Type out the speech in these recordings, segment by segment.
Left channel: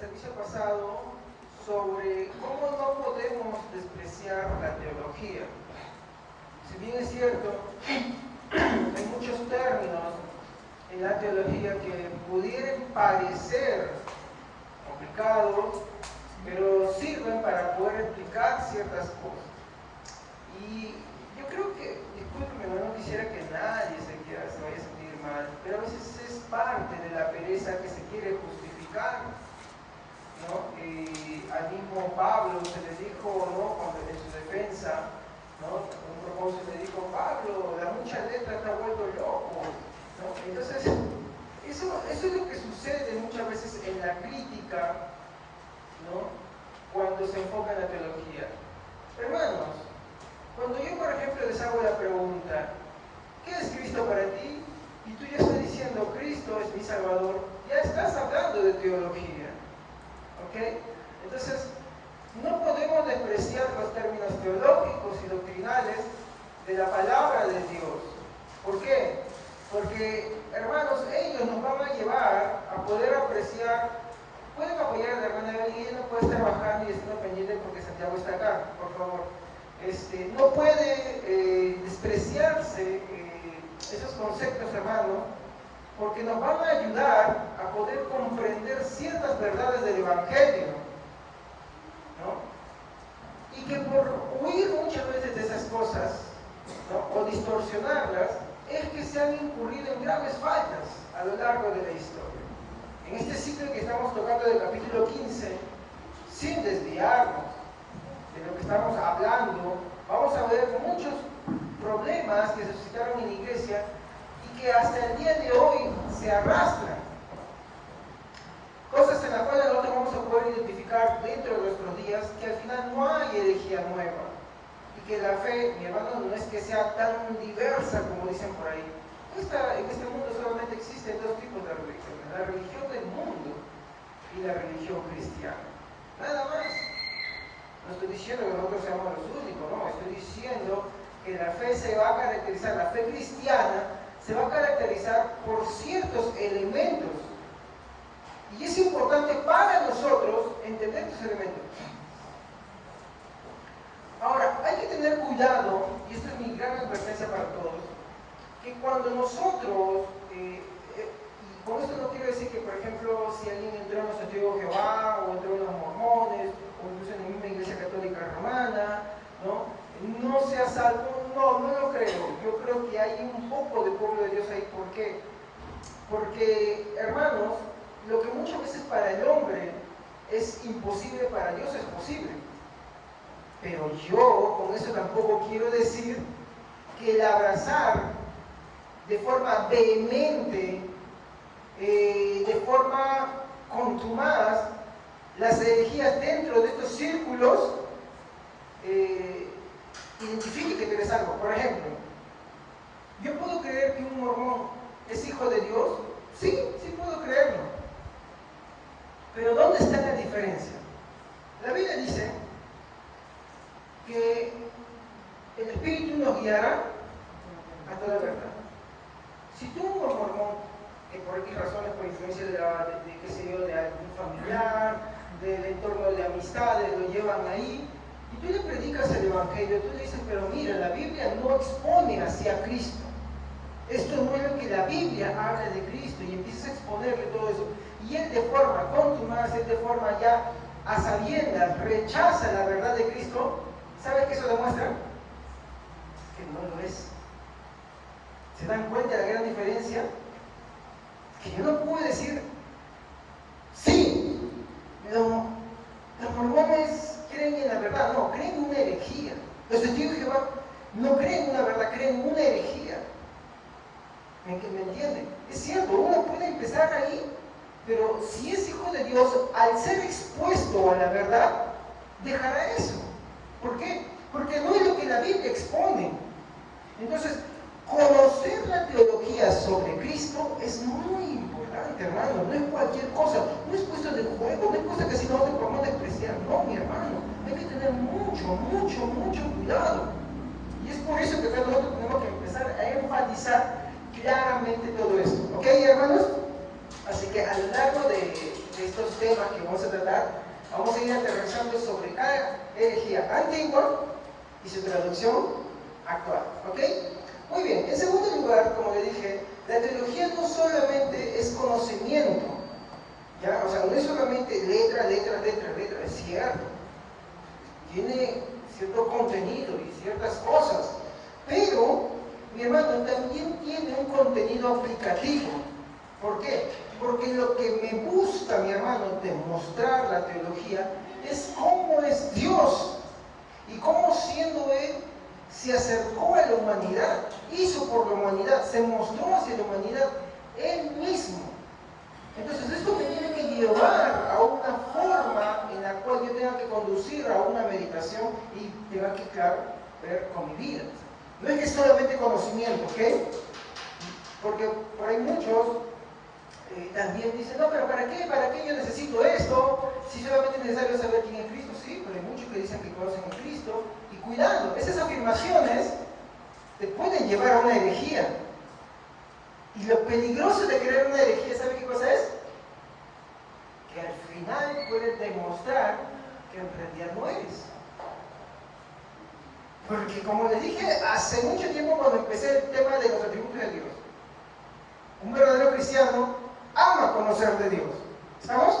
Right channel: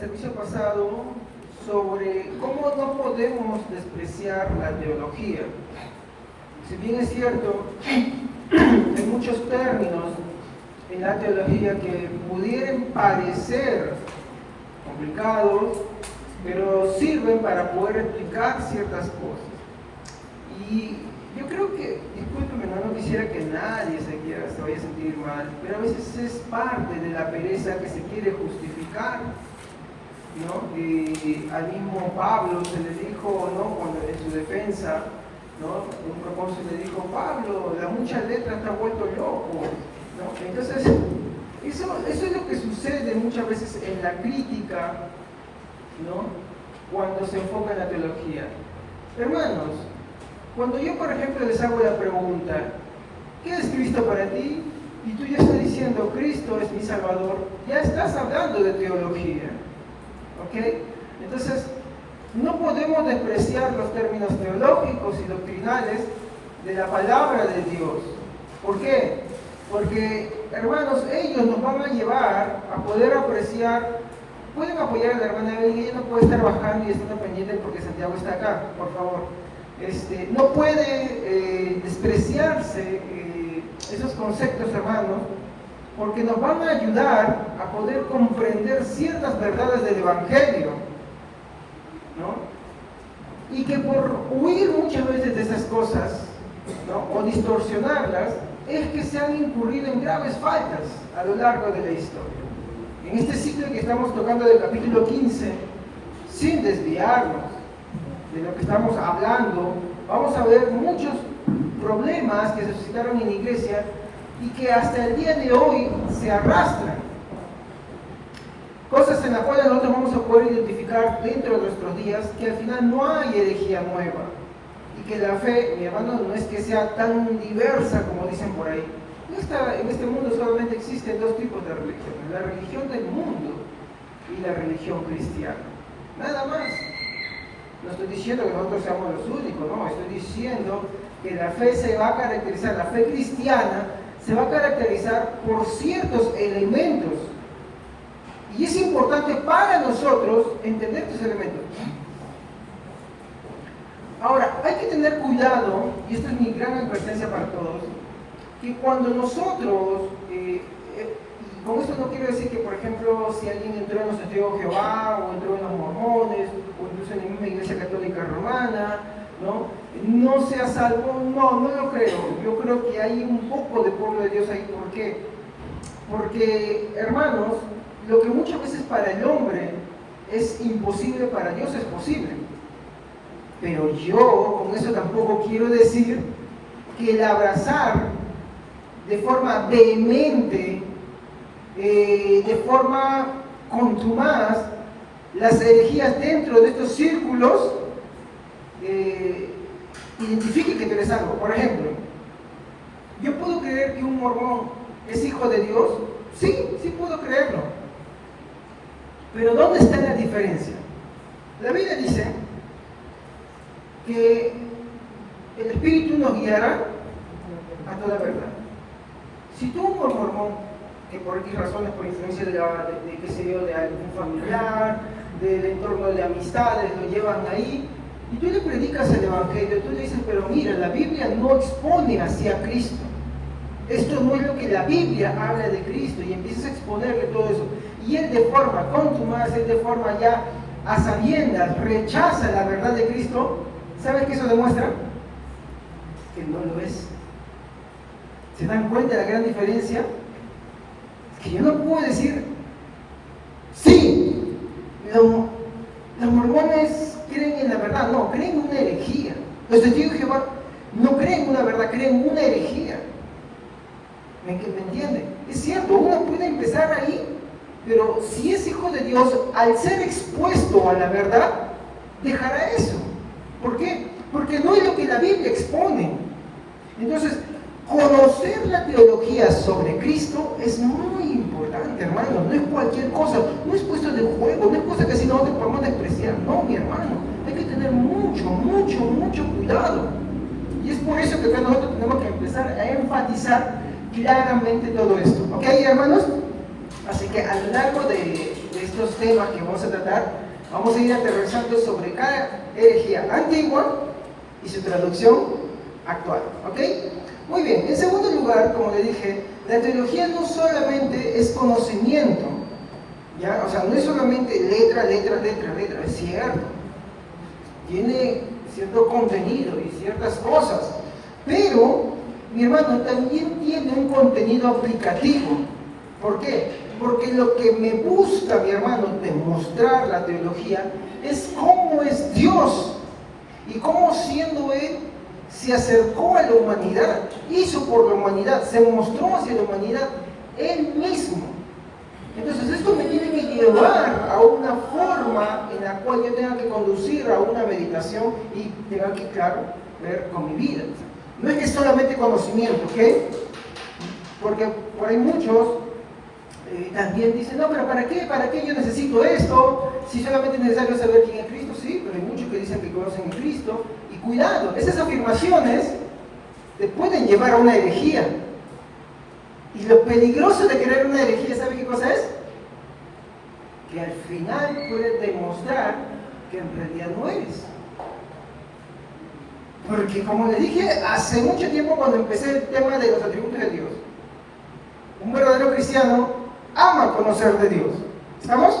servicio pasado sobre cómo no podemos despreciar la teología. Si bien es cierto, hay muchos términos en la teología que pudieran parecer complicados, pero sirven para poder explicar ciertas cosas. Y yo creo que, discúlpeme, no quisiera que nadie se vaya a sentir mal, pero a veces es parte de la pereza que se quiere justificar, ¿no? Al mismo Pablo se le dijo, ¿no?, cuando en su defensa, ¿no?, un propósito le dijo: Pablo, la mucha letra está vuelto loco, ¿no? Entonces, eso es lo que sucede muchas veces en la crítica, ¿no?, cuando se enfoca en la teología. Hermanos, cuando yo, por ejemplo, les hago la pregunta: ¿qué es Cristo para ti? Y tú ya estás diciendo: Cristo es mi Salvador, ya estás hablando de teología, ¿ok? Entonces, no podemos despreciar los términos teológicos y doctrinales de la palabra de Dios. ¿Por qué? Porque, hermanos, ellos nos van a llevar a poder apreciar. Pueden apoyar a la hermana Evelyn, ella no puede estar bajando y estar pendiente porque Santiago está acá, por favor. No puede despreciarse esos conceptos, hermanos, porque nos van a ayudar a poder comprender ciertas verdades del Evangelio, ¿no? Y que por huir muchas veces de esas cosas, ¿no?, o distorsionarlas, es que se han incurrido en graves faltas a lo largo de la historia. En este ciclo que estamos tocando del capítulo 15, sin desviarnos de lo que estamos hablando, vamos a ver muchos problemas que se suscitaron en la iglesia y que hasta el día de hoy se arrastran. Cosas en las cuales nosotros vamos a poder identificar dentro de nuestros días que al final no hay herejía nueva y que la fe, mi hermano, no es que sea tan diversa como dicen por ahí. En este mundo solamente existen dos tipos de religiones: la religión del mundo y la religión cristiana. Nada más. No estoy diciendo que nosotros seamos los únicos, no, estoy diciendo que la fe se va a caracterizar, la fe cristiana se va a caracterizar por ciertos elementos. Y es importante para nosotros entender estos elementos. Ahora, hay que tener cuidado, y esta es mi gran advertencia para todos, que cuando nosotros, y con esto no quiero decir que, por ejemplo, si alguien entró en los testigos de Jehová, o entró en los mormones, o incluso en la misma iglesia católica romana, no sea salvo, no lo creo. Yo creo que hay un poco de pueblo de Dios ahí. ¿Por qué? Porque, hermanos, lo que muchas veces para el hombre es imposible, para Dios es posible. Pero yo con eso tampoco quiero decir que el abrazar de forma vehemente, de forma contumaz, las herejías dentro de estos círculos, identifique que tú eres algo. Por ejemplo, ¿yo puedo creer que un mormón es hijo de Dios? Sí puedo creerlo. Pero ¿dónde está la diferencia? La Biblia dice que el Espíritu nos guiará a toda verdad. Si tú, un mormón, que por X razones, por influencia de algún familiar, del entorno de amistades, lo llevan ahí, y tú le predicas el Evangelio, tú le dices: pero mira, la Biblia no expone hacia Cristo. Esto no es lo que la Biblia habla de Cristo, y empiezas a exponerle todo eso. Y él, de forma contumaz, él de forma ya a sabiendas, rechaza la verdad de Cristo. ¿Sabes qué eso demuestra? Que no lo es. ¿Se dan cuenta de la gran diferencia? Que yo no puedo decir: sí, los mormones creen en la verdad. No, creen en una herejía. Los testigos de Jehová no creen en una verdad, creen en una herejía. ¿Me entienden? Es cierto, uno puede empezar ahí, pero si es hijo de Dios, al ser expuesto a la verdad, dejará eso. ¿Por qué? Porque no es lo que la Biblia expone. Entonces, conocer la teología sobre Cristo es muy importante, hermano. No es cualquier cosa, no es cuestión de juego, no es cosa que si nosotros podemos despreciar. No, mi hermano, hay que tener mucho cuidado. Y es por eso que nosotros tenemos que empezar a enfatizar claramente todo esto. ¿Ok, hermanos? Así que a lo largo de estos temas que vamos a tratar, vamos a ir aterrizando sobre cada herejía antigua y su traducción actual. ¿Ok? Muy bien. En segundo lugar, como le dije, la teología no solamente es conocimiento, ¿ya? O sea, no es solamente letra, es cierto. Tiene cierto contenido y ciertas cosas, pero, mi hermano, también tiene un contenido aplicativo. ¿Por qué? Porque lo que me busca, mi hermano, demostrar la teología es cómo es Dios y cómo siendo Él se acercó a la humanidad, hizo por la humanidad, se mostró hacia la humanidad Él mismo. Entonces esto me tiene que llevar a una forma en la cual yo tenga que conducir a una meditación y tenga que, claro, ver con mi vida. No es que solamente conocimiento, ¿ok? Porque por ahí muchos también dicen, no, pero ¿para qué? ¿Para qué yo necesito esto? Si solamente es necesario saber quién es Cristo, sí, pero hay muchos que dicen que conocen a Cristo. Y cuidado, esas afirmaciones te pueden llevar a una herejía. Y lo peligroso de creer una herejía, ¿sabe qué cosa es? Que al final puedes demostrar que en realidad no eres. Porque como le dije hace mucho tiempo cuando empecé el tema de los atributos de Dios, un verdadero cristiano ama conocer de Dios. ¿Estamos?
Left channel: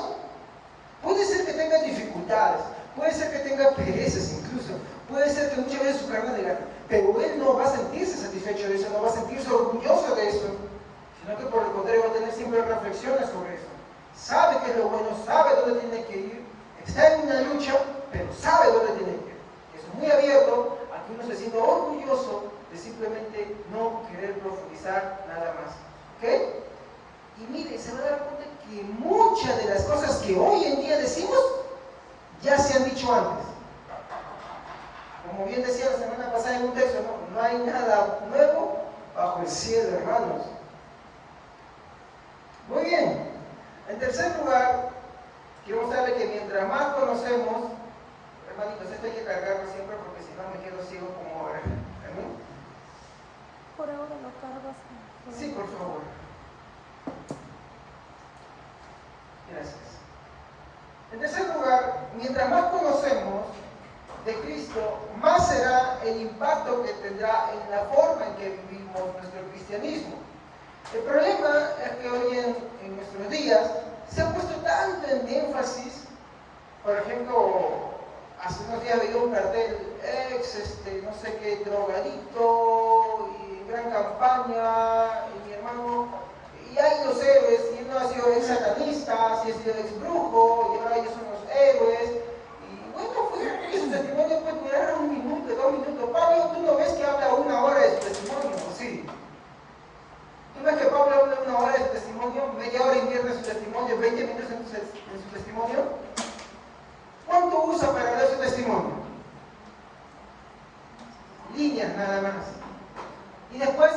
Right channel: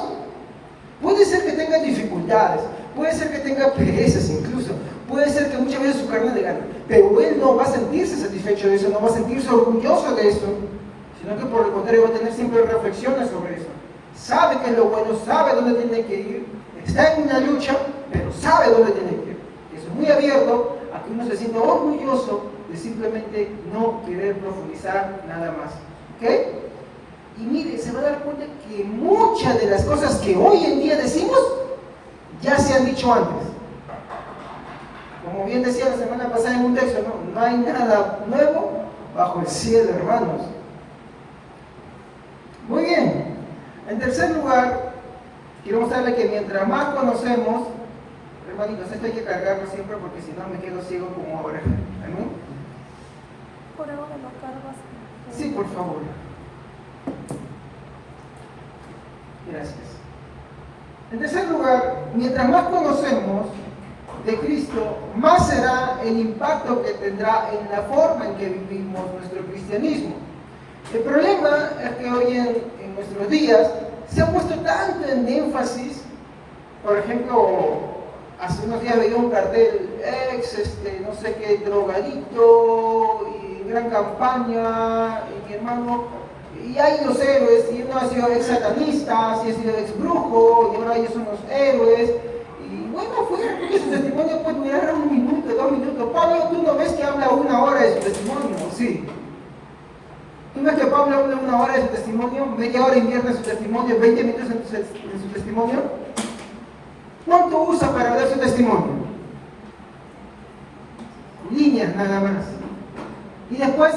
Puede ser que tenga dificultades, puede ser que tenga perezas incluso, puede ser que muchas veces su carne le gane, pero él no va a sentirse satisfecho de eso, no va a sentirse orgulloso de eso, sino que por el contrario va a tener siempre reflexiones sobre eso. Sabe que es lo bueno, sabe dónde tiene que ir, está en una lucha, pero sabe dónde tiene que ir. Eso es muy abierto a que uno se sienta orgulloso de simplemente no querer profundizar nada más. ¿Ok? Y mire, se va a dar cuenta que muchas de las cosas que hoy en día decimos ya se han dicho antes. Como bien decía la semana pasada en un texto, no hay nada nuevo bajo el cielo, hermanos. Muy bien. En tercer lugar, quiero mostrarle que mientras más conocemos, hermanitos, esto hay que cargarlo siempre porque si no me quedo ciego como ahora. ¿Amén? Sí, por favor. Gracias. En tercer lugar, mientras más conocemos de Cristo, más será el impacto que tendrá en la forma en que vivimos nuestro cristianismo. El problema es que hoy en nuestros días se ha puesto tanto en énfasis, por ejemplo, hace unos días veía un cartel, no sé qué, drogadito, y gran campaña, y mi hermano, y hay los héroes, y uno ha sido ex satanista, si ha sido ex brujo, y ahora ellos son los héroes, y bueno, porque su testimonio puede durar 1 minuto, 2 minutos. Pablo, tú no ves que habla 1 hora de su testimonio, sí. ¿Tú ves que Pablo habla 1 hora de su testimonio, media hora invierte en su testimonio, 20 minutos en su testimonio? ¿Cuánto usa para dar su testimonio? Líneas nada más. Y después,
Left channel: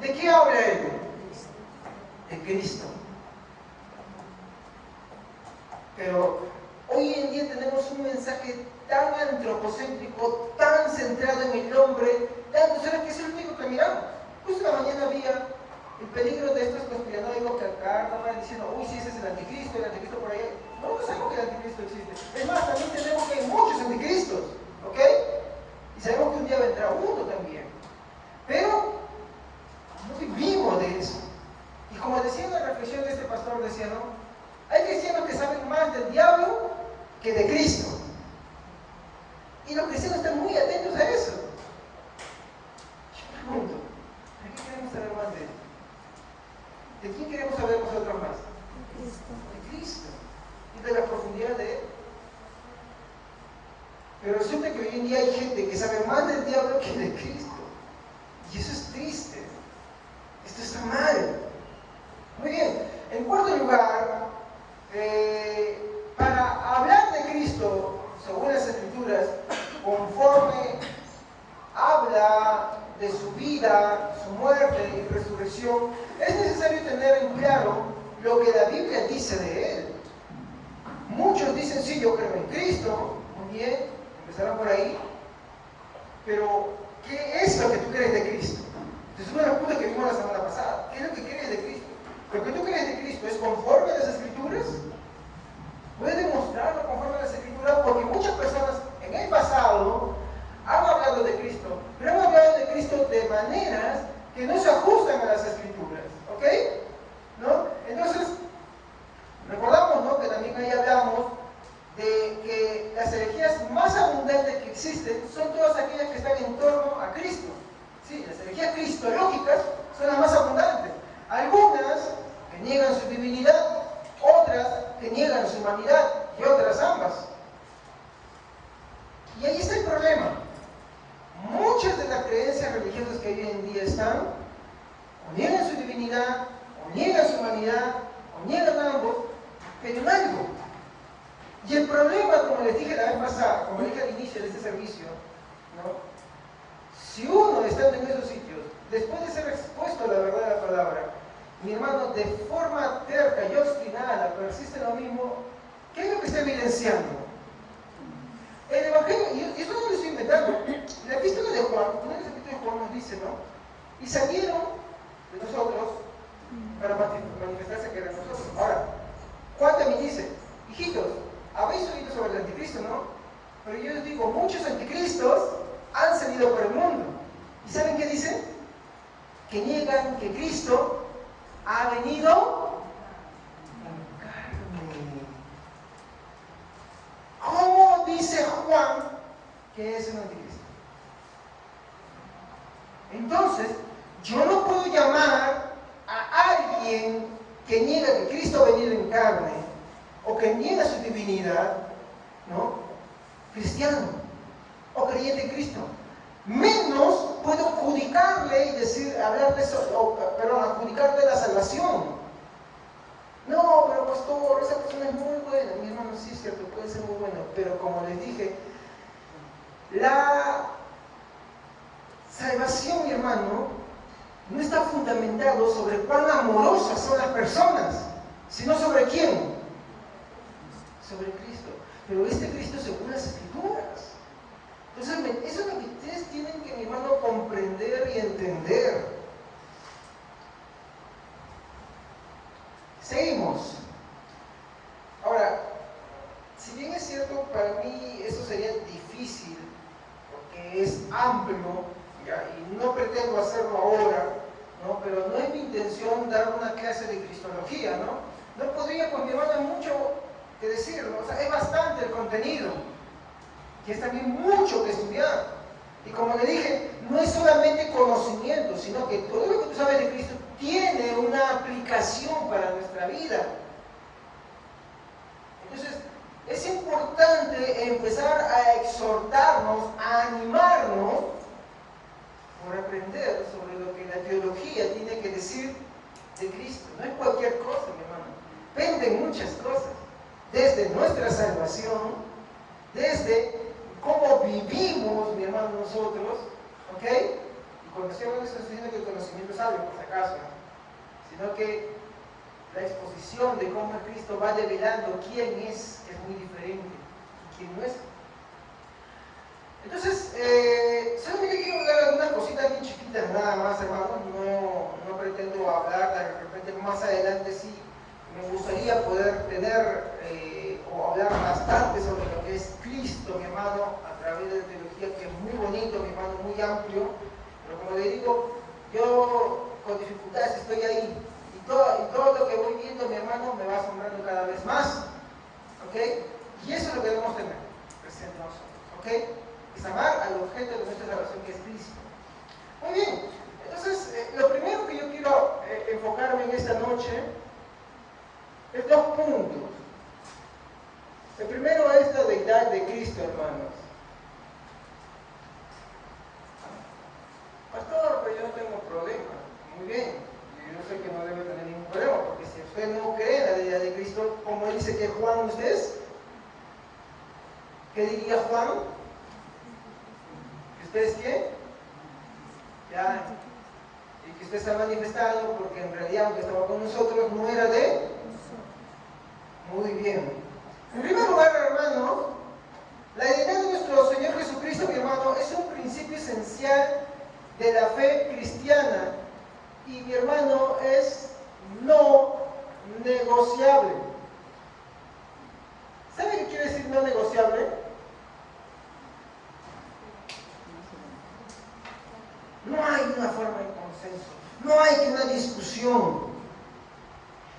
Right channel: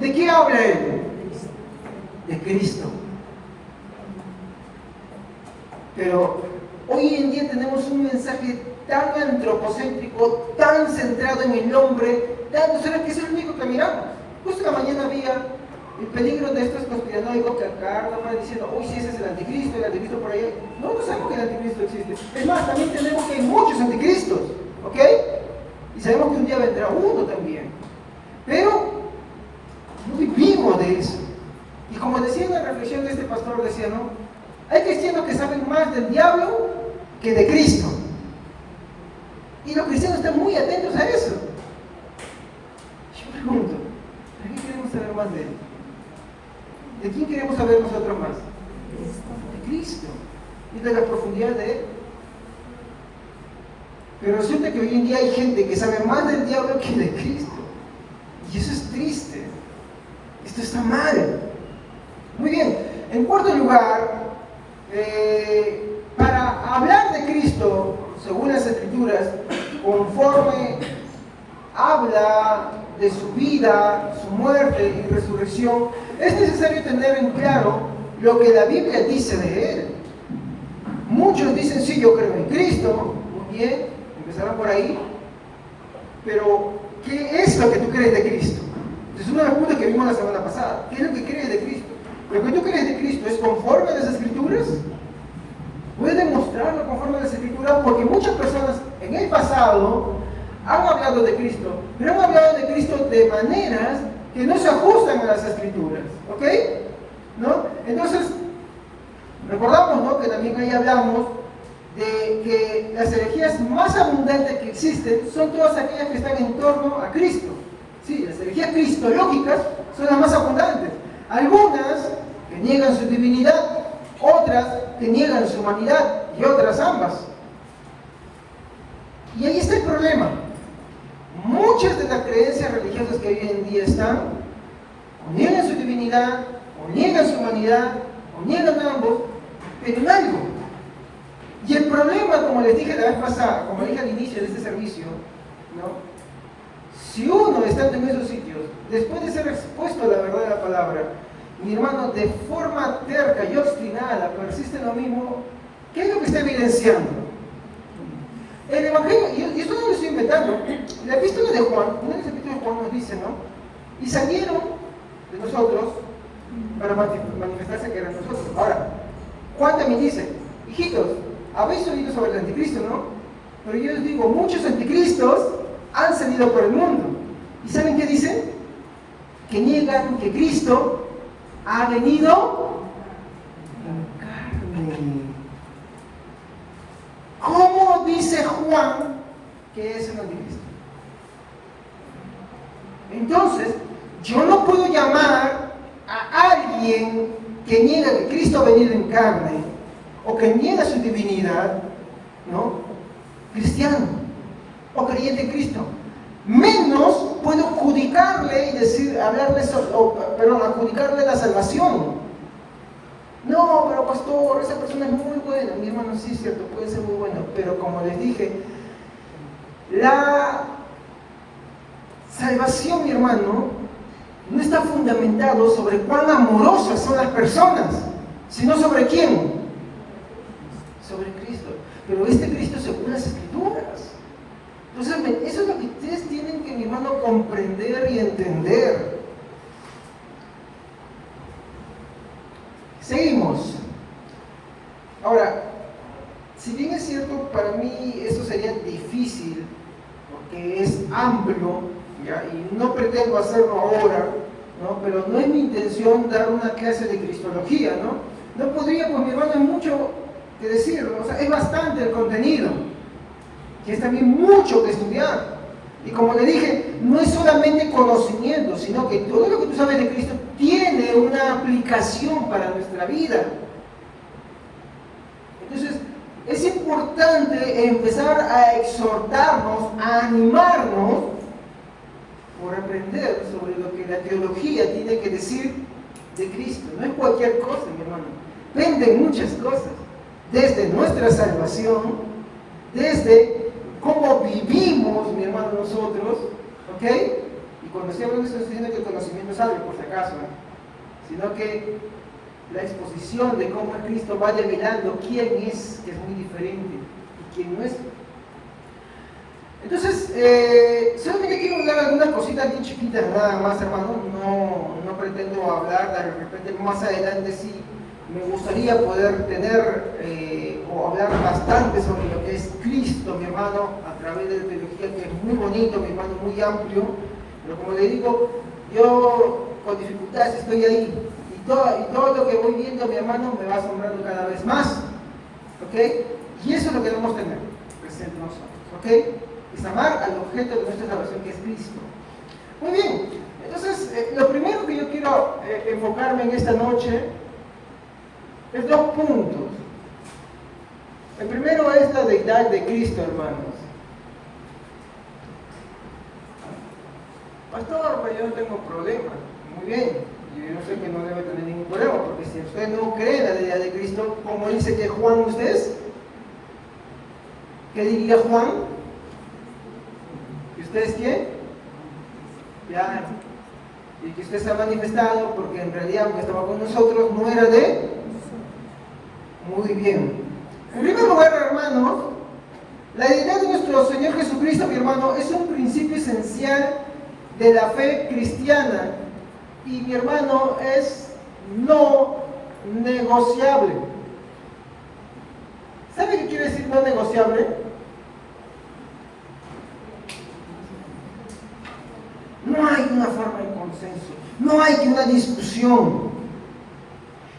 ¿de qué habla él? De Cristo. Pero hoy en día tenemos un mensaje tan antropocéntrico, tan centrado en el hombre, tan solo que es el único que miramos. Justo la mañana había el peligro de estos conspiranoicos que acá van diciendo, uy, si ese es el anticristo por ahí. No sabemos que el anticristo existe. Es más, también tenemos que hay muchos anticristos, ¿ok? Y sabemos que un día vendrá uno también. Pero no vivimos de eso. Y como decía en la reflexión de este pastor, decía, ¿no? Hay cristianos que saben más del diablo que de Cristo. Y los cristianos están muy atentos a eso. Yo pregunto, ¿de qué queremos saber más de él? ¿De quién queremos saber nosotros más? De Cristo. Y de la profundidad de él. Pero resulta que hoy en día hay gente que sabe más del diablo que de Cristo. Y eso es triste. Esto está mal. Muy bien. En cuarto lugar, para hablar de Cristo, según las Escrituras, conforme habla de su vida, su muerte y resurrección, es necesario tener en claro lo que la Biblia dice de él. Muchos dicen, sí, yo creo en Cristo. Muy bien, empezaron por ahí. Pero, ¿qué es lo que tú crees de Cristo? Es una pregunta que vimos la semana pasada. ¿Qué es lo que crees de Cristo? ¿Lo que tú crees de Cristo es conforme a las Escrituras? Escritura, porque muchas personas en el pasado han hablado de Cristo, pero han hablado de Cristo de maneras que no se ajustan a las Escrituras, ¿ok? ¿No? Entonces, recordamos, ¿no?, que también ahí hablamos de que las herejías más abundantes que existen son todas aquellas que están en torno a Cristo. Sí, las herejías cristológicas son las más abundantes. Algunas que niegan su divinidad, otras que niegan su humanidad y otras ambas. Y ahí está el problema. Muchas de las creencias religiosas que hoy en día están, o niegan su divinidad, o niegan su humanidad, o niegan ambos, pero en algo. Y el problema, como les dije la vez pasada, como les dije al inicio de este servicio, ¿no?, si uno estando en esos sitios, después de ser expuesto a la verdad de la palabra, mi hermano, de forma terca y obstinada, persiste en lo mismo, ¿qué es lo que está evidenciando? El Evangelio, y esto no lo estoy inventando, la epístola de Juan, uno de los epístolas de Juan nos dice, ¿no?, y salieron de nosotros para manifestarse que eran nosotros. Ahora, Juan también dice, hijitos, habéis oído sobre el anticristo, ¿no? Pero yo les digo, muchos anticristos han salido por el mundo. ¿Y saben qué dicen? Que niegan que Cristo ha venido en carne. ¿Cómo dice Juan que es el anticristo? Entonces, yo no puedo llamar a alguien que niega que Cristo ha venido en carne o que niega su divinidad, ¿no?, cristiano o creyente en Cristo. Menos puedo adjudicarle y decir, adjudicarle la salvación. No, pero pastor, esa persona es muy buena. Mi hermano, sí es cierto, puede ser muy buena, pero como les dije, la salvación, mi hermano, no está fundamentado sobre cuán amorosas son las personas, sino sobre quién. Sobre Cristo. Pero este Cristo según las Escrituras. Entonces, eso es lo que ustedes tienen que, mi hermano, comprender y entender. Seguimos. Ahora, si bien es cierto, para mí eso sería difícil, porque es amplio, ¿ya?, y no pretendo hacerlo ahora, ¿no?, pero no es mi intención dar una clase de cristología, ¿no? No podría, pues mi hermano, hay mucho que decir, o sea, es bastante el contenido, que es también mucho que estudiar. Y como le dije, no es solamente conocimiento, sino que todo lo que tú sabes de Cristo tiene una aplicación para nuestra vida. Entonces, es importante empezar a exhortarnos, a animarnos por aprender sobre lo que la teología tiene que decir de Cristo. No es cualquier cosa, mi hermano. Penden muchas cosas. Desde nuestra salvación, desde cómo vivimos, mi hermano, nosotros, ¿ok? Y cuando estoy hablando de eso, estoy diciendo que el conocimiento es algo, por si acaso, sino que la exposición de cómo Cristo vaya mirando quién es, que es muy diferente, y quién no es. Entonces, solamente quiero hablar algunas cositas bien chiquitas, nada más, hermano. No pretendo hablar, de repente más adelante sí me gustaría poder tener o hablar bastante sobre lo que es Cristo, mi hermano, a través de la teología, que es muy bonito, mi hermano, muy amplio. Pero como le digo, yo con dificultades estoy ahí. Y todo lo que voy viendo, mi hermano, me va asombrando cada vez más. ¿Ok? Y eso es lo que debemos tener presente nosotros. ¿Ok? Es amar al objeto de nuestra salvación, que es Cristo. Muy bien. Entonces, lo primero que yo quiero enfocarme en esta noche es dos puntos. El primero es la deidad de Cristo, hermanos. Pastor, pero yo no tengo problema. Muy bien. Yo sé que no debe tener ningún problema, porque si usted no cree en la deidad de Cristo, como dice que Juan ustedes, ¿qué diría Juan? ¿Que usted es quién? Ya. Y que usted se ha manifestado porque en realidad, aunque estaba con nosotros, no era de. Muy bien. En primer lugar, hermanos, la deidad de nuestro Señor Jesucristo, mi hermano, es un principio esencial de la fe cristiana. Y mi hermano, es no negociable. ¿Sabe qué quiere decir no no negociable? No hay una forma de consenso, no hay una discusión.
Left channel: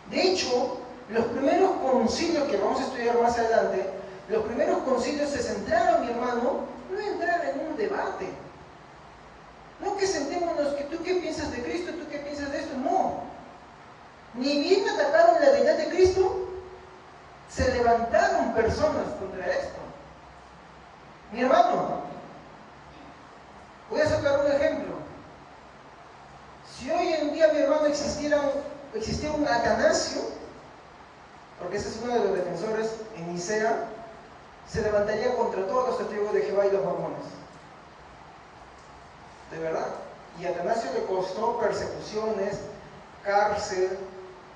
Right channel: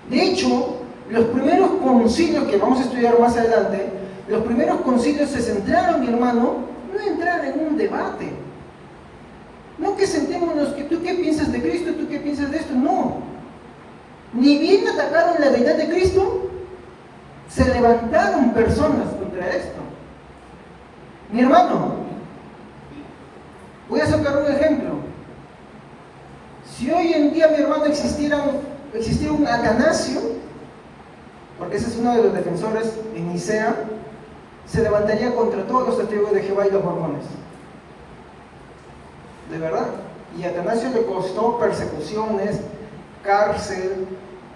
De hecho, los primeros concilios que vamos a estudiar más adelante, los primeros concilios se centraron, mi hermano, no en entrar en un debate. No que sentémonos que tú qué piensas de Cristo, tú qué piensas de esto, no. Ni bien atacaron la deidad de Cristo, se levantaron personas contra esto. Mi hermano, voy a sacar un ejemplo. Si hoy en día, mi hermano, existiera un Atanasio, porque ese es uno de los defensores en Nicea, se levantaría contra todos los testigos de Jehová y los mormones. De verdad. Y a Atanasio le costó persecuciones, cárcel,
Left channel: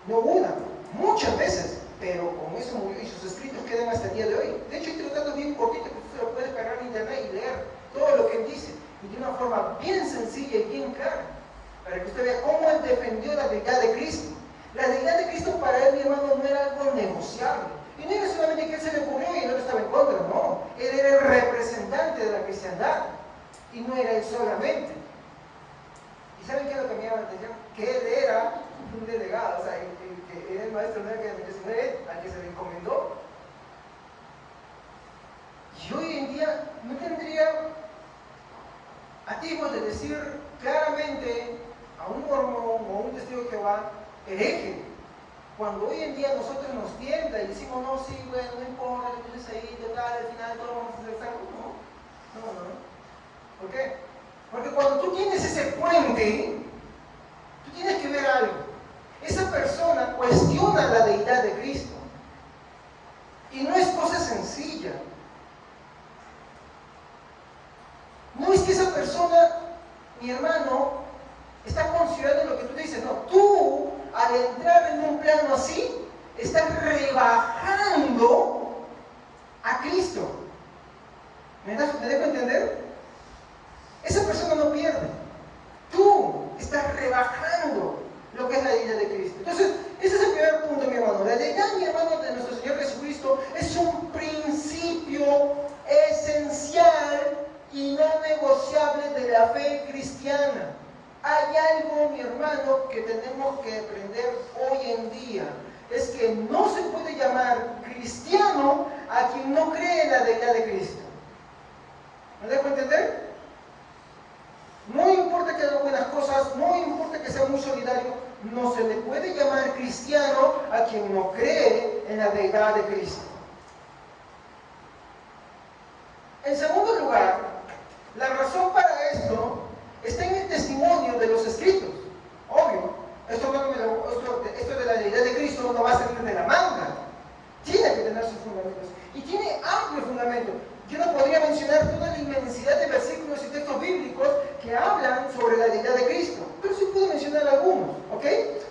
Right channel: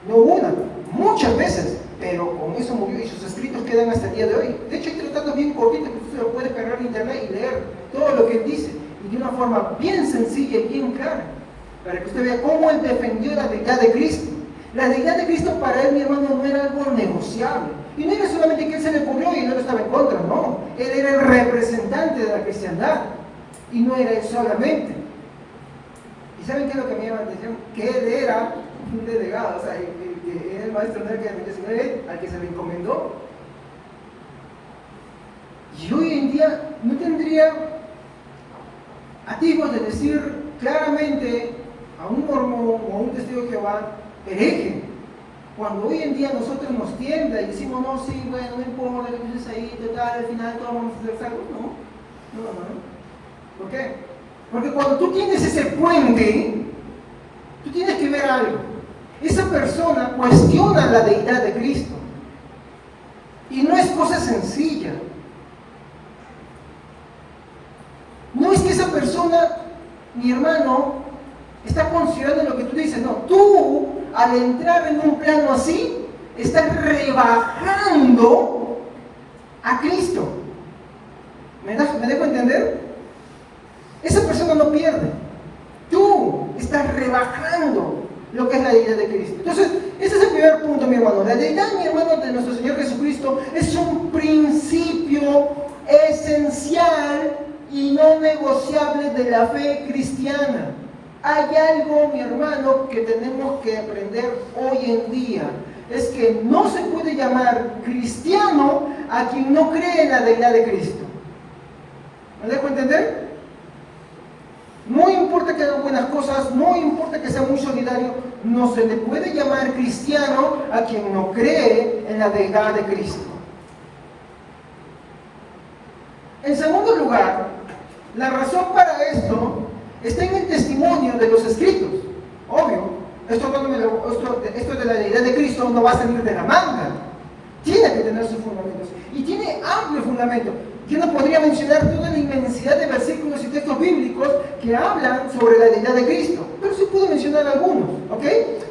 no una, muchas veces, pero con eso murió y sus escritos quedan hasta el día de hoy. De hecho, hay tratados bien cortitos que usted lo puede cargar en internet y leer todo lo que él dice, y de una forma bien sencilla y bien clara, para que usted vea cómo él defendió la deidad de Cristo. La deidad de Cristo para él, mi hermano, no era algo negociable. Y no era solamente que él se le ocurrió y no estaba en contra, no. Él era el representante de la cristiandad. Y no era él solamente. ¿Y saben qué es lo que me llama la atención? Que él era un delegado, o sea, que era el maestro, no era sino él al que se le encomendó. Y hoy en día no tendría atisbos de decir claramente a un mormón o a un testigo de Jehová, hereje, cuando hoy en día nosotros nos tiembla y decimos, no, sí, bueno, no importa lo que dices ahí, total, al final todos vamos a ser salvos. No. ¿Por qué? Porque cuando tú tienes ese puente, tú tienes que ver algo. Esa persona cuestiona la deidad de Cristo. Y no es cosa sencilla. No es que esa persona, mi hermano, está considerando lo que tú dices. No, tú, al entrar en un plano así, estás rebajando a Cristo. ¿Me dejo entender? Esa persona no pierde. Tú estás rebajando lo que es la deidad de Cristo. Entonces, ese es el primer punto, mi hermano. La deidad, mi hermano, de nuestro Señor Jesucristo es un principio esencial y no negociable de la fe cristiana. Hay algo, mi hermano, que tenemos que aprender hoy en día. Es que no se puede llamar cristiano a quien no cree en la deidad de Cristo. ¿Me dejo entender? No importa que haga buenas cosas, no importa que sea muy solidario, no se le puede llamar cristiano a quien no cree en la deidad de Cristo. En segundo lugar, la razón para esto está en el testimonio de los escritos. Obvio, esto de la deidad de Cristo no va a salir de la manga. Tiene que tener sus fundamentos. Y tiene amplio fundamento. Yo no podría mencionar toda la inmensidad de versículos y textos bíblicos que hablan sobre la deidad de Cristo, pero sí puedo mencionar algunos, ¿ok?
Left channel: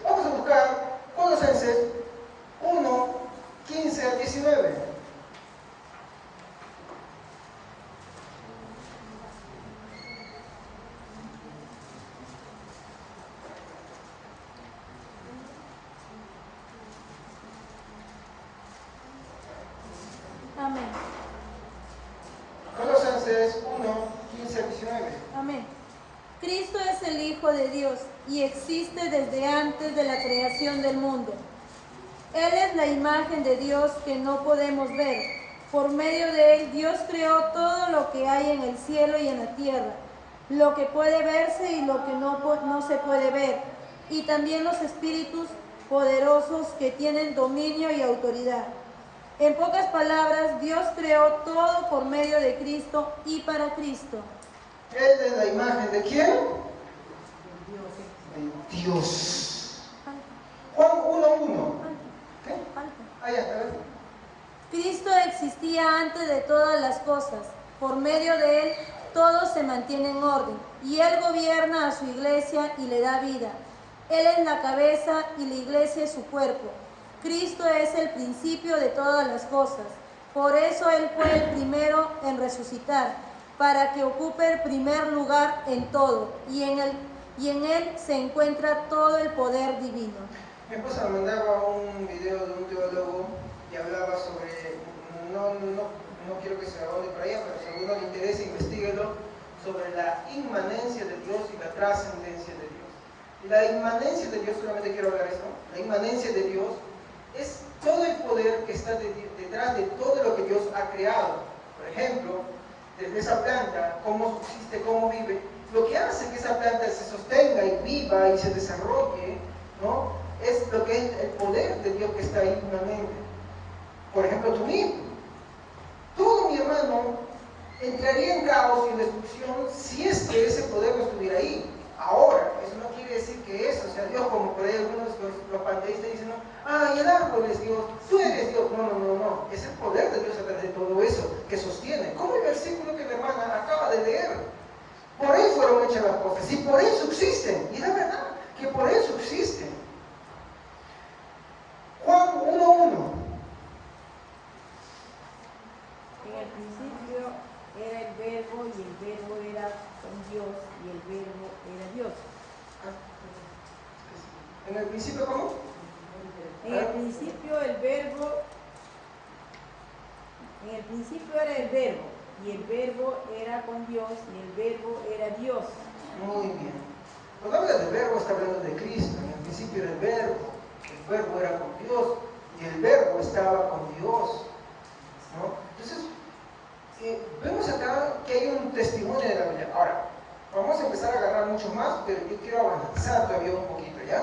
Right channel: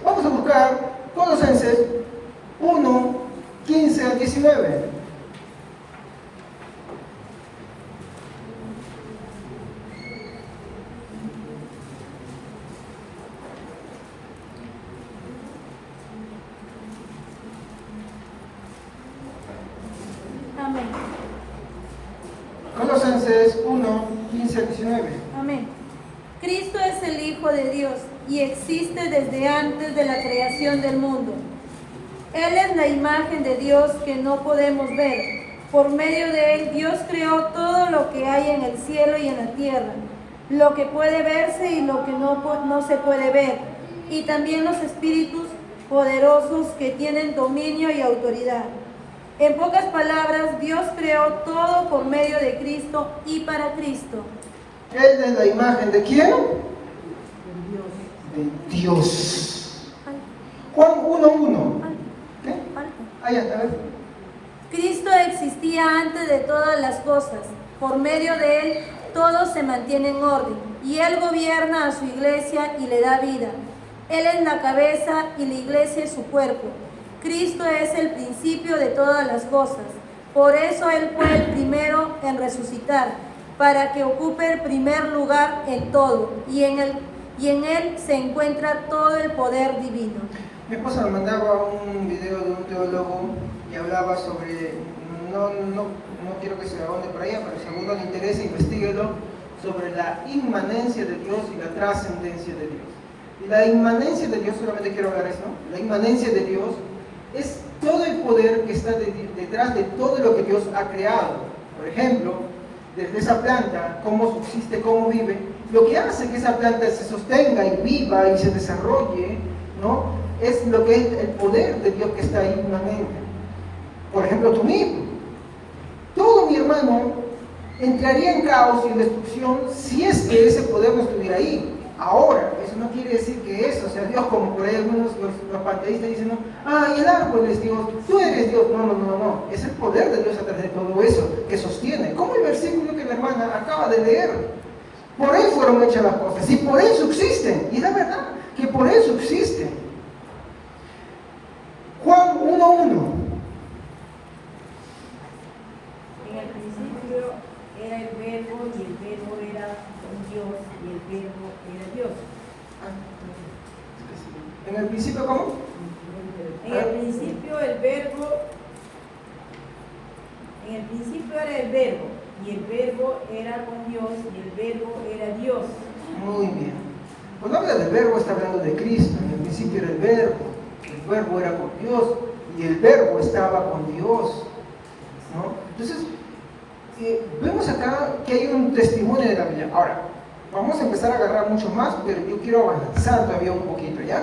Vamos a buscar Colosenses 1, 15 al 19. Colosenses 1, 15 al 19. Amén. Cristo es el Hijo de Dios y existe desde antes de la creación del mundo. Él es la imagen de Dios que no podemos ver. Por medio de Él, Dios creó todo lo que hay en el cielo y en la tierra, lo que puede verse y lo que no se puede ver, y también los espíritus poderosos que tienen dominio y autoridad. En pocas palabras, Dios creó todo por medio de Cristo y para Cristo. Él es la imagen de ¿quién? De Dios. Juan 1:1. ¿Qué? Ahí está. Cristo existía antes de todas las cosas. Por medio de Él, todo se mantiene en orden. Y Él gobierna a su iglesia y le da vida. Él es la cabeza y la iglesia es su cuerpo. Cristo es el principio de todas las cosas. Por eso Él fue el primero en resucitar, para que ocupe el primer lugar en todo, y en Él se encuentra todo el poder divino. Mi esposa me mandaba un video de un teólogo que hablaba sobre, no no quiero que se ahonde por allá, pero si a alguno le interesa, investiguenlo sobre la inmanencia de Dios y la trascendencia de Dios. Y la inmanencia de Dios, solamente quiero hablar eso, la inmanencia de Dios es todo el poder que está detrás de todo lo que Dios ha creado. Por ejemplo, desde esa planta, cómo subsiste, cómo vive, lo que hace que esa planta se sostenga y viva y se desarrolle, ¿no? Es lo que es el poder de Dios que está ahí inmanente. Por ejemplo, tú mismo. Todo, mi hermano, entraría en caos y destrucción si es que ese poder no estuviera ahí. Ahora, eso no quiere decir que eso, o sea, Dios, como por ahí algunos los panteístas dicen, no, el árbol es Dios, tú eres Dios. No. Es el poder de Dios a través de todo eso que sostiene. Como el versículo que la hermana acaba de leer. Por ahí fueron hechas las cosas y por eso existen. Y la verdad que por eso existen. Juan 1:1. En el principio era el verbo y el verbo era un Dios y el verbo era Dios. ¿En el principio cómo? En el principio el verbo, en el principio era el verbo y el verbo era con Dios y el verbo era Dios. Muy bien. Cuando habla del verbo está hablando de Cristo. En el principio era el verbo era con Dios y el verbo estaba con Dios, ¿no? Entonces, vemos acá que hay un testimonio de la Biblia. Ahora, vamos a empezar a agarrar mucho más, pero yo quiero avanzar todavía un poquito, ¿ya?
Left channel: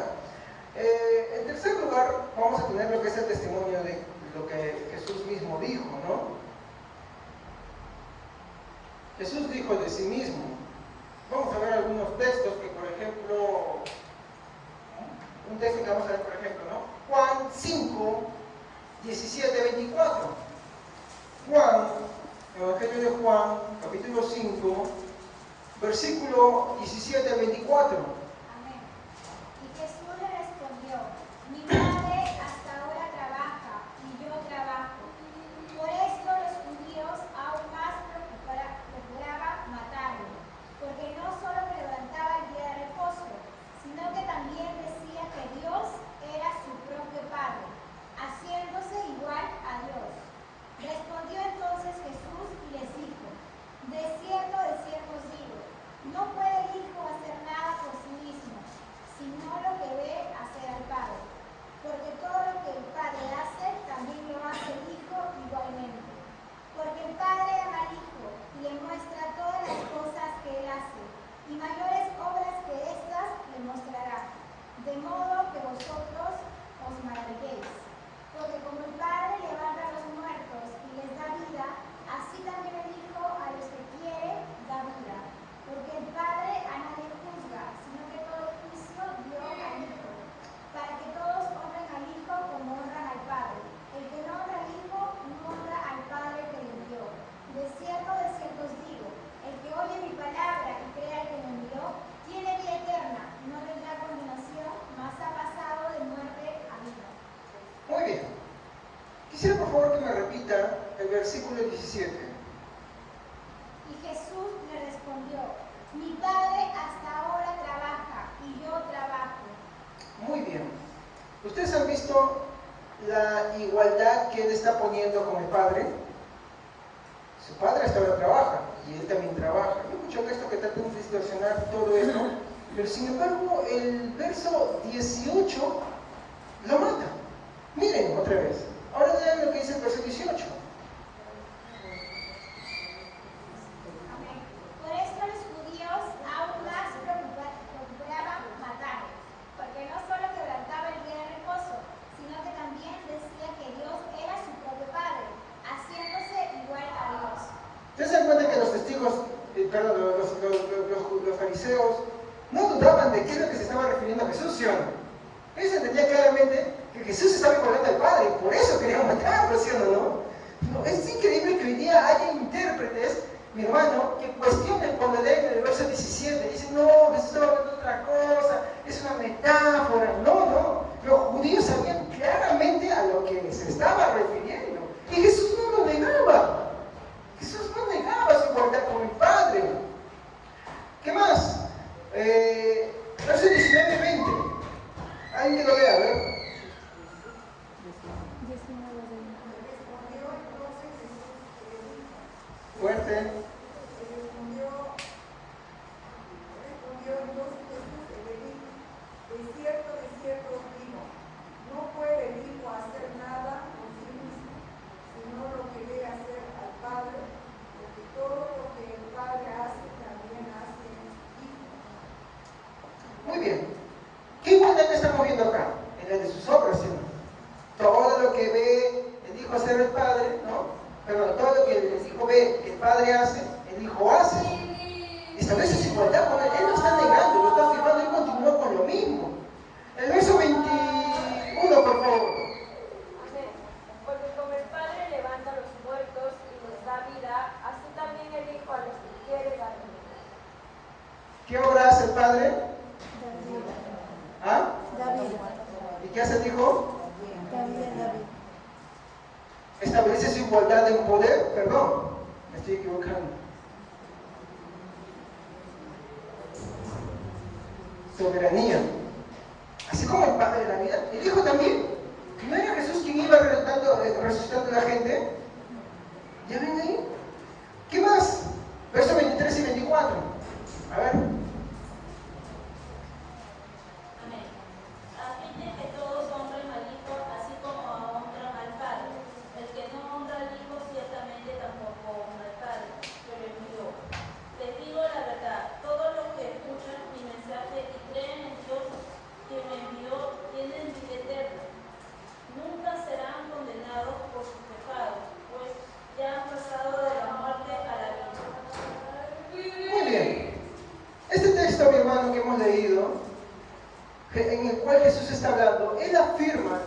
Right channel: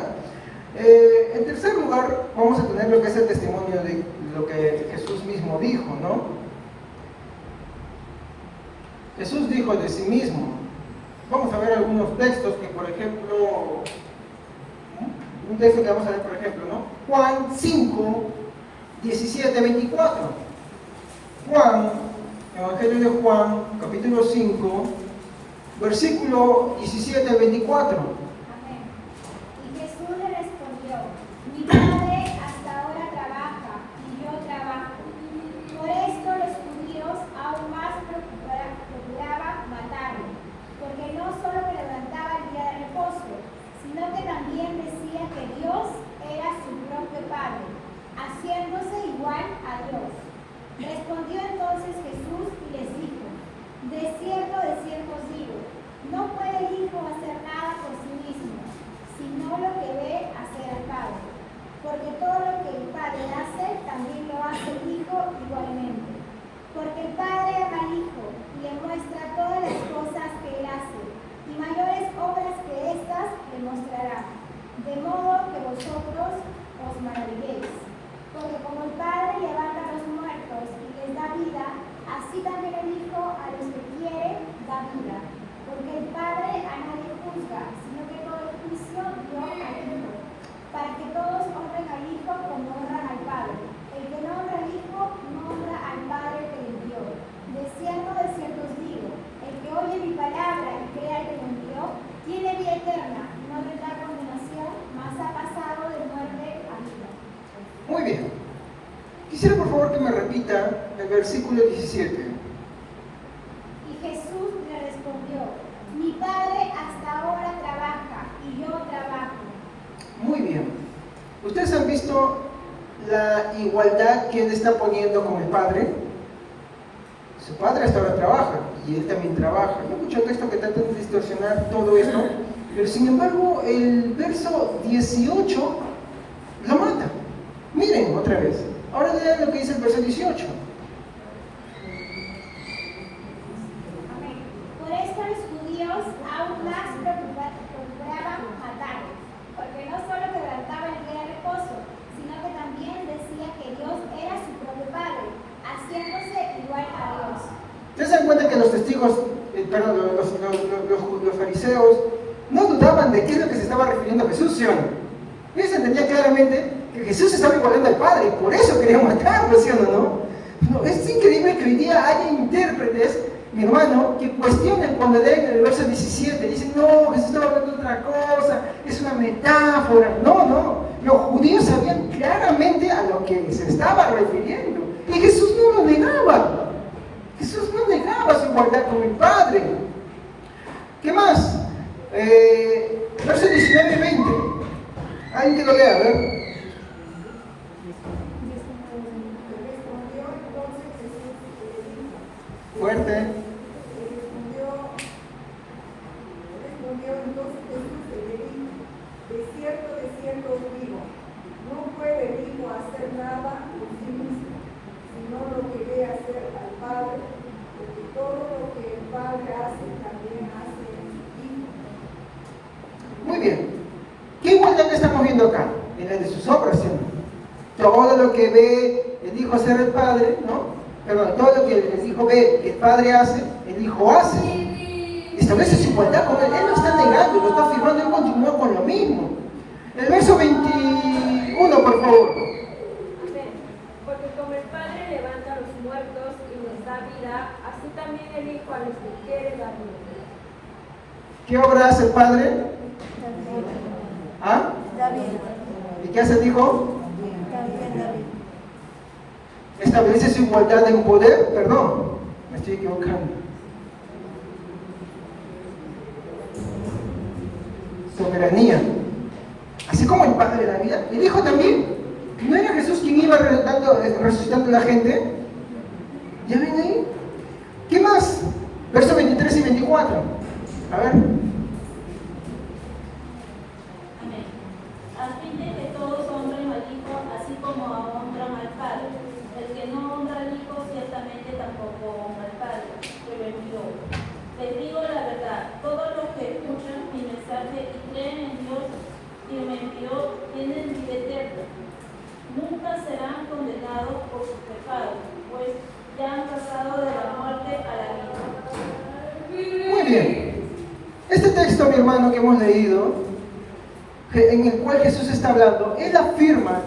En tercer lugar, vamos a tener lo que es el testimonio de lo que Jesús mismo dijo, ¿no? Jesús dijo de sí mismo. Vamos a ver algunos textos que, por ejemplo, un texto que vamos a ver, por ejemplo, ¿no? Juan 5, 17, 24. Juan, Evangelio de Juan, capítulo 5, versículo 17, 24. Amén. Y Jesús le respondió: Mi Padre hasta ahora trabaja y yo trabajo. Por esto los judíos aún más procuraban matarme, porque no solo me levantaba el día de reposo, sino que también decía que Dios era su propio Padre, haciéndose igual a Dios. Respondió entonces Jesús y les dijo: de cierto os digo, no puede el Hijo hacer nada por sí mismo, sino lo que ve hacer al Padre. Porque todo lo que el Padre hace, también lo hace el Hijo igualmente. Porque el Padre ama al Hijo y le muestra todas las cosas que Él hace, y mayores obras que éstas le mostrará, de modo que vosotros os maravilléis. Porque como el Padre levanta a los muertos y les da vida, así también el Hijo a los que quiere da vida. Porque el Padre a nadie juzga, sino que todo el juicio dio al Hijo, para que todos honren al Hijo como honran al Padre. El que no honra al Hijo no honra al Padre que le envió. De cierto os digo, el que oye mi palabra y cree al que me envió, tiene vida eterna, no vendrá condenación, mas ha pasado de muerte a vida. Muy bien. Quisiera por favor que me repita el versículo 17. Y Jesús le respondió: Mi Padre hasta ahora trabaja y yo trabajo. Muy bien. ¿Ustedes han visto la igualdad que él está poniendo con el Padre? Su Padre hasta ahora trabaja y él también trabaja. Hay mucho texto que trata de distorsionar todo esto, pero sin embargo el verso 18 lo mata. Miren otra vez. Ahora lean lo que dice el verso 18. Amén. Por esto los judíos aún más procuraban matarlo, porque no solo quebrantaba el día de reposo, sino que también decía que Dios era su propio Padre, haciéndose igual a Dios. ¿Ustedes se dan cuenta que los testigos, los fariseos, no dudaban de qué es lo que se estaba refiriendo Jesús, ¿sí o no? Ellos entendían claramente que Jesús estaba igualando al Padre, por eso querían matarlo, ¿sí o no? No, es increíble que hoy día haya intérpretes, mi hermano, que cuestionen cuando leen el verso 17, dicen, no, Jesús estaba hablando de otra cosa, es una metáfora. No, los judíos sabían claramente a lo que se estaba refiriendo, y Jesús no lo negaba. Jesús no negaba su igualdad con el Padre. ¿Qué más? Verso 19 y 20. Alguien que lo lea, a ver. Respondió entonces Jesús Fuerte. Respondió entonces Jesús y le dijo, de cierto os digo, no puede el Hijo hacer nada por sí mismo, sino lo que ve hacer al Padre, porque todo lo que el Padre hace, también hace el Hijo. Muy bien. ¿Qué igualdad estamos viendo acá? En la de sus obras, ¿sí? Todo lo que ve el Hijo hacer el Padre, ¿no? Perdón, todo lo que el Hijo ve que el Padre hace, el Hijo hace. Establece su igualdad con él. Él no está negando, lo está afirmando, él continúa con lo mismo. El verso 21, por favor. Porque como el Padre levanta a los muertos y les da vida, así también el Hijo a los que quiere dar vida. ¿Qué obra hace el Padre? ¿Ah? ¿Y qué hace el Hijo? Establece su igualdad en poder. Perdón, me estoy equivocando. Soberanía. Así como el Padre de la vida, el Hijo también. ¿No era Jesús quien iba resucitando a la gente? ¿Ya ven ahí? ¿Qué más? Versos 23 y 24. A ver. Amén. A fin de que todos honren al Hijo, así como honran al Padre. El que no honra al Hijo, ciertamente tampoco honra al Padre, que lo envió. Les digo la verdad, todos los que escuchan mi mensaje y creen en Dios que me envió, tienen vida eterna. Nunca serán condenados por sus pecados, pues ya han pasado de la muerte a la vida. Muy bien. Este texto, mi hermano, que hemos leído, en el cual Jesús está hablando, él afirma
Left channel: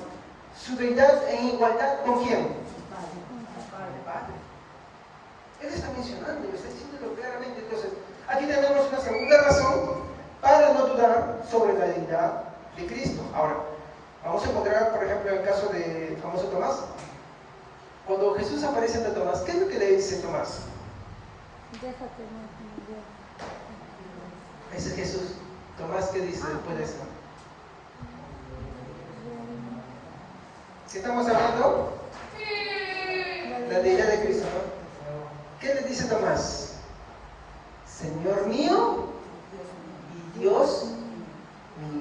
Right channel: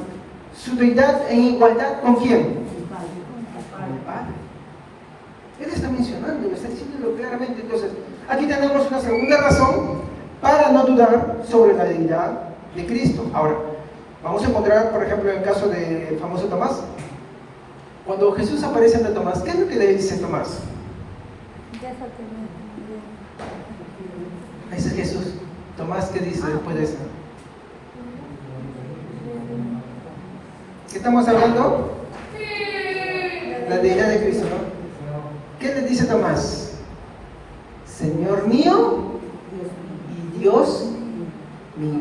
su deidad en igualdad ¿con quién? Con el Padre. Él está mencionando, está diciéndolo claramente. Entonces, aquí tenemos una segunda razón para no dudar sobre la deidad de Cristo. Ahora, vamos a encontrar, por ejemplo, el caso del famoso Tomás. Cuando Jesús aparece ante Tomás, ¿qué es lo que le dice Tomás? Ese es Jesús. Tomás, ¿qué dice después de esto? ¿Qué estamos hablando? La deidad de Cristo, ¿no? ¿Qué le dice Tomás? Señor mío y Dios mío.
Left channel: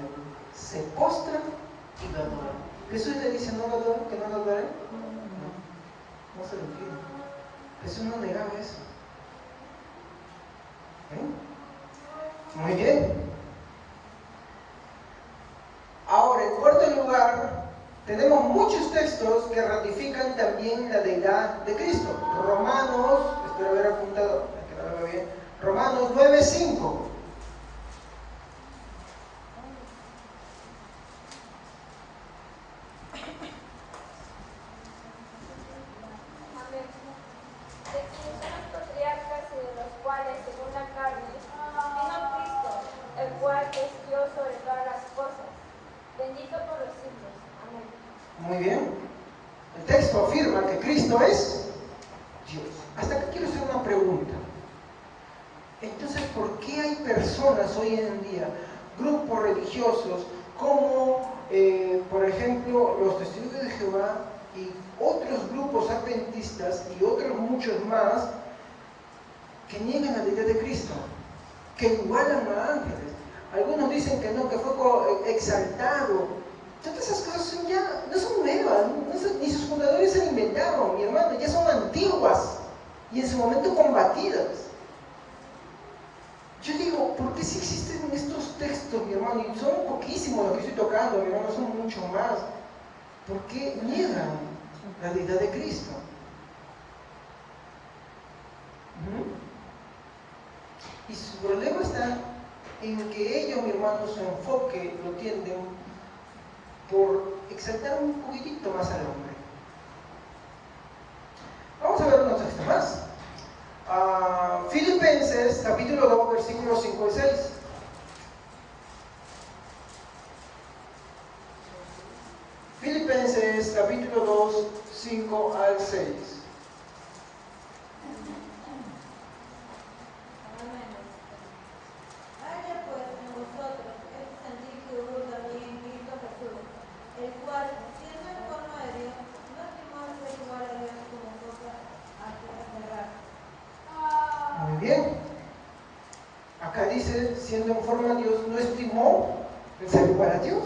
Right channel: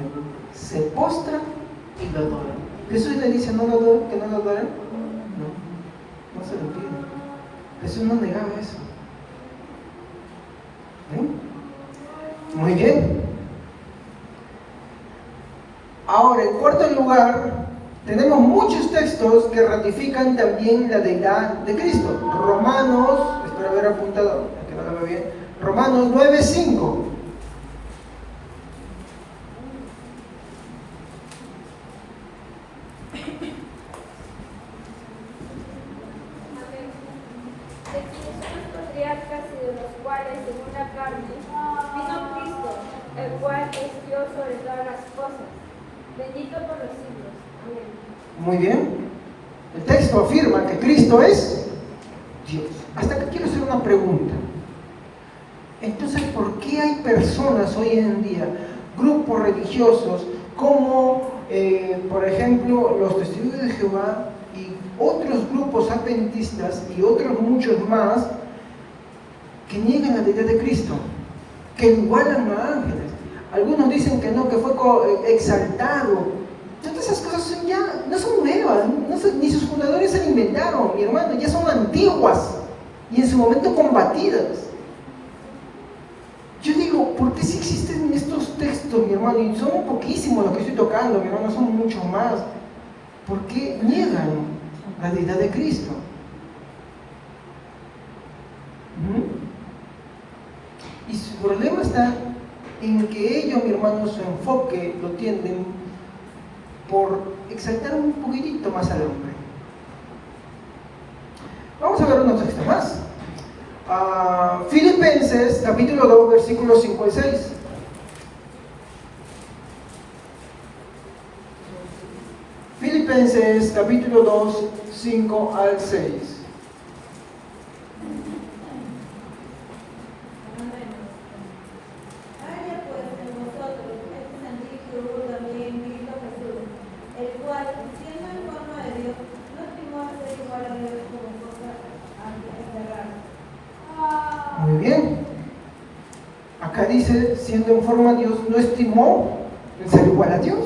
Se postra y lo adora. Jesús le dice, ¿no lo adora? ¿Que no lo adoren? No se lo pide. Jesús no negaba eso. Muy bien. Ahora, en cuarto lugar, tenemos muchos textos que ratifican también la deidad de Cristo. Romanos, espero haber apuntado, que no lo veo bien. Romanos 9:5. Patriarcas y de los cuales, según la carne, vino Cristo, el cual es Dios sobre todas las cosas, bendito por los siglos. Amén. Muy bien. El texto afirma que Cristo es Dios. Hasta aquí quiero hacer una pregunta. Entonces, ¿por qué hay personas hoy en día, grupos religiosos, como, por ejemplo, los Testigos de Jehová y otros grupos adventistas y otros muchos más, que niegan la deidad de Cristo, que igualan a ángeles? Algunos dicen que no, que fue exaltado. Todas esas cosas son ya, no son nuevas, ni sus fundadores se inventaron, mi hermano, ya son antiguas y en su momento combatidas. Yo digo, ¿por qué si existen estos textos, mi hermano? Y son poquísimos los que estoy tocando, mi hermano, son muchos más. ¿Por qué niegan la deidad de Cristo? Y su problema está en que ellos, mi hermano, su enfoque lo tienden por exaltar un poquitito más al hombre. Vamos a ver unos textos más. Filipenses, capítulo 2, versículos 5 y 6. Filipenses, capítulo 2, 5 al 6. Haya pues en vosotros este sentir que hubo también en Cristo Jesús, el cual, siendo en forma de Dios, no estimó a ser igual a Dios como cosa antes de errar, dice, siendo en forma de Dios, no estimó el ser igual a Dios.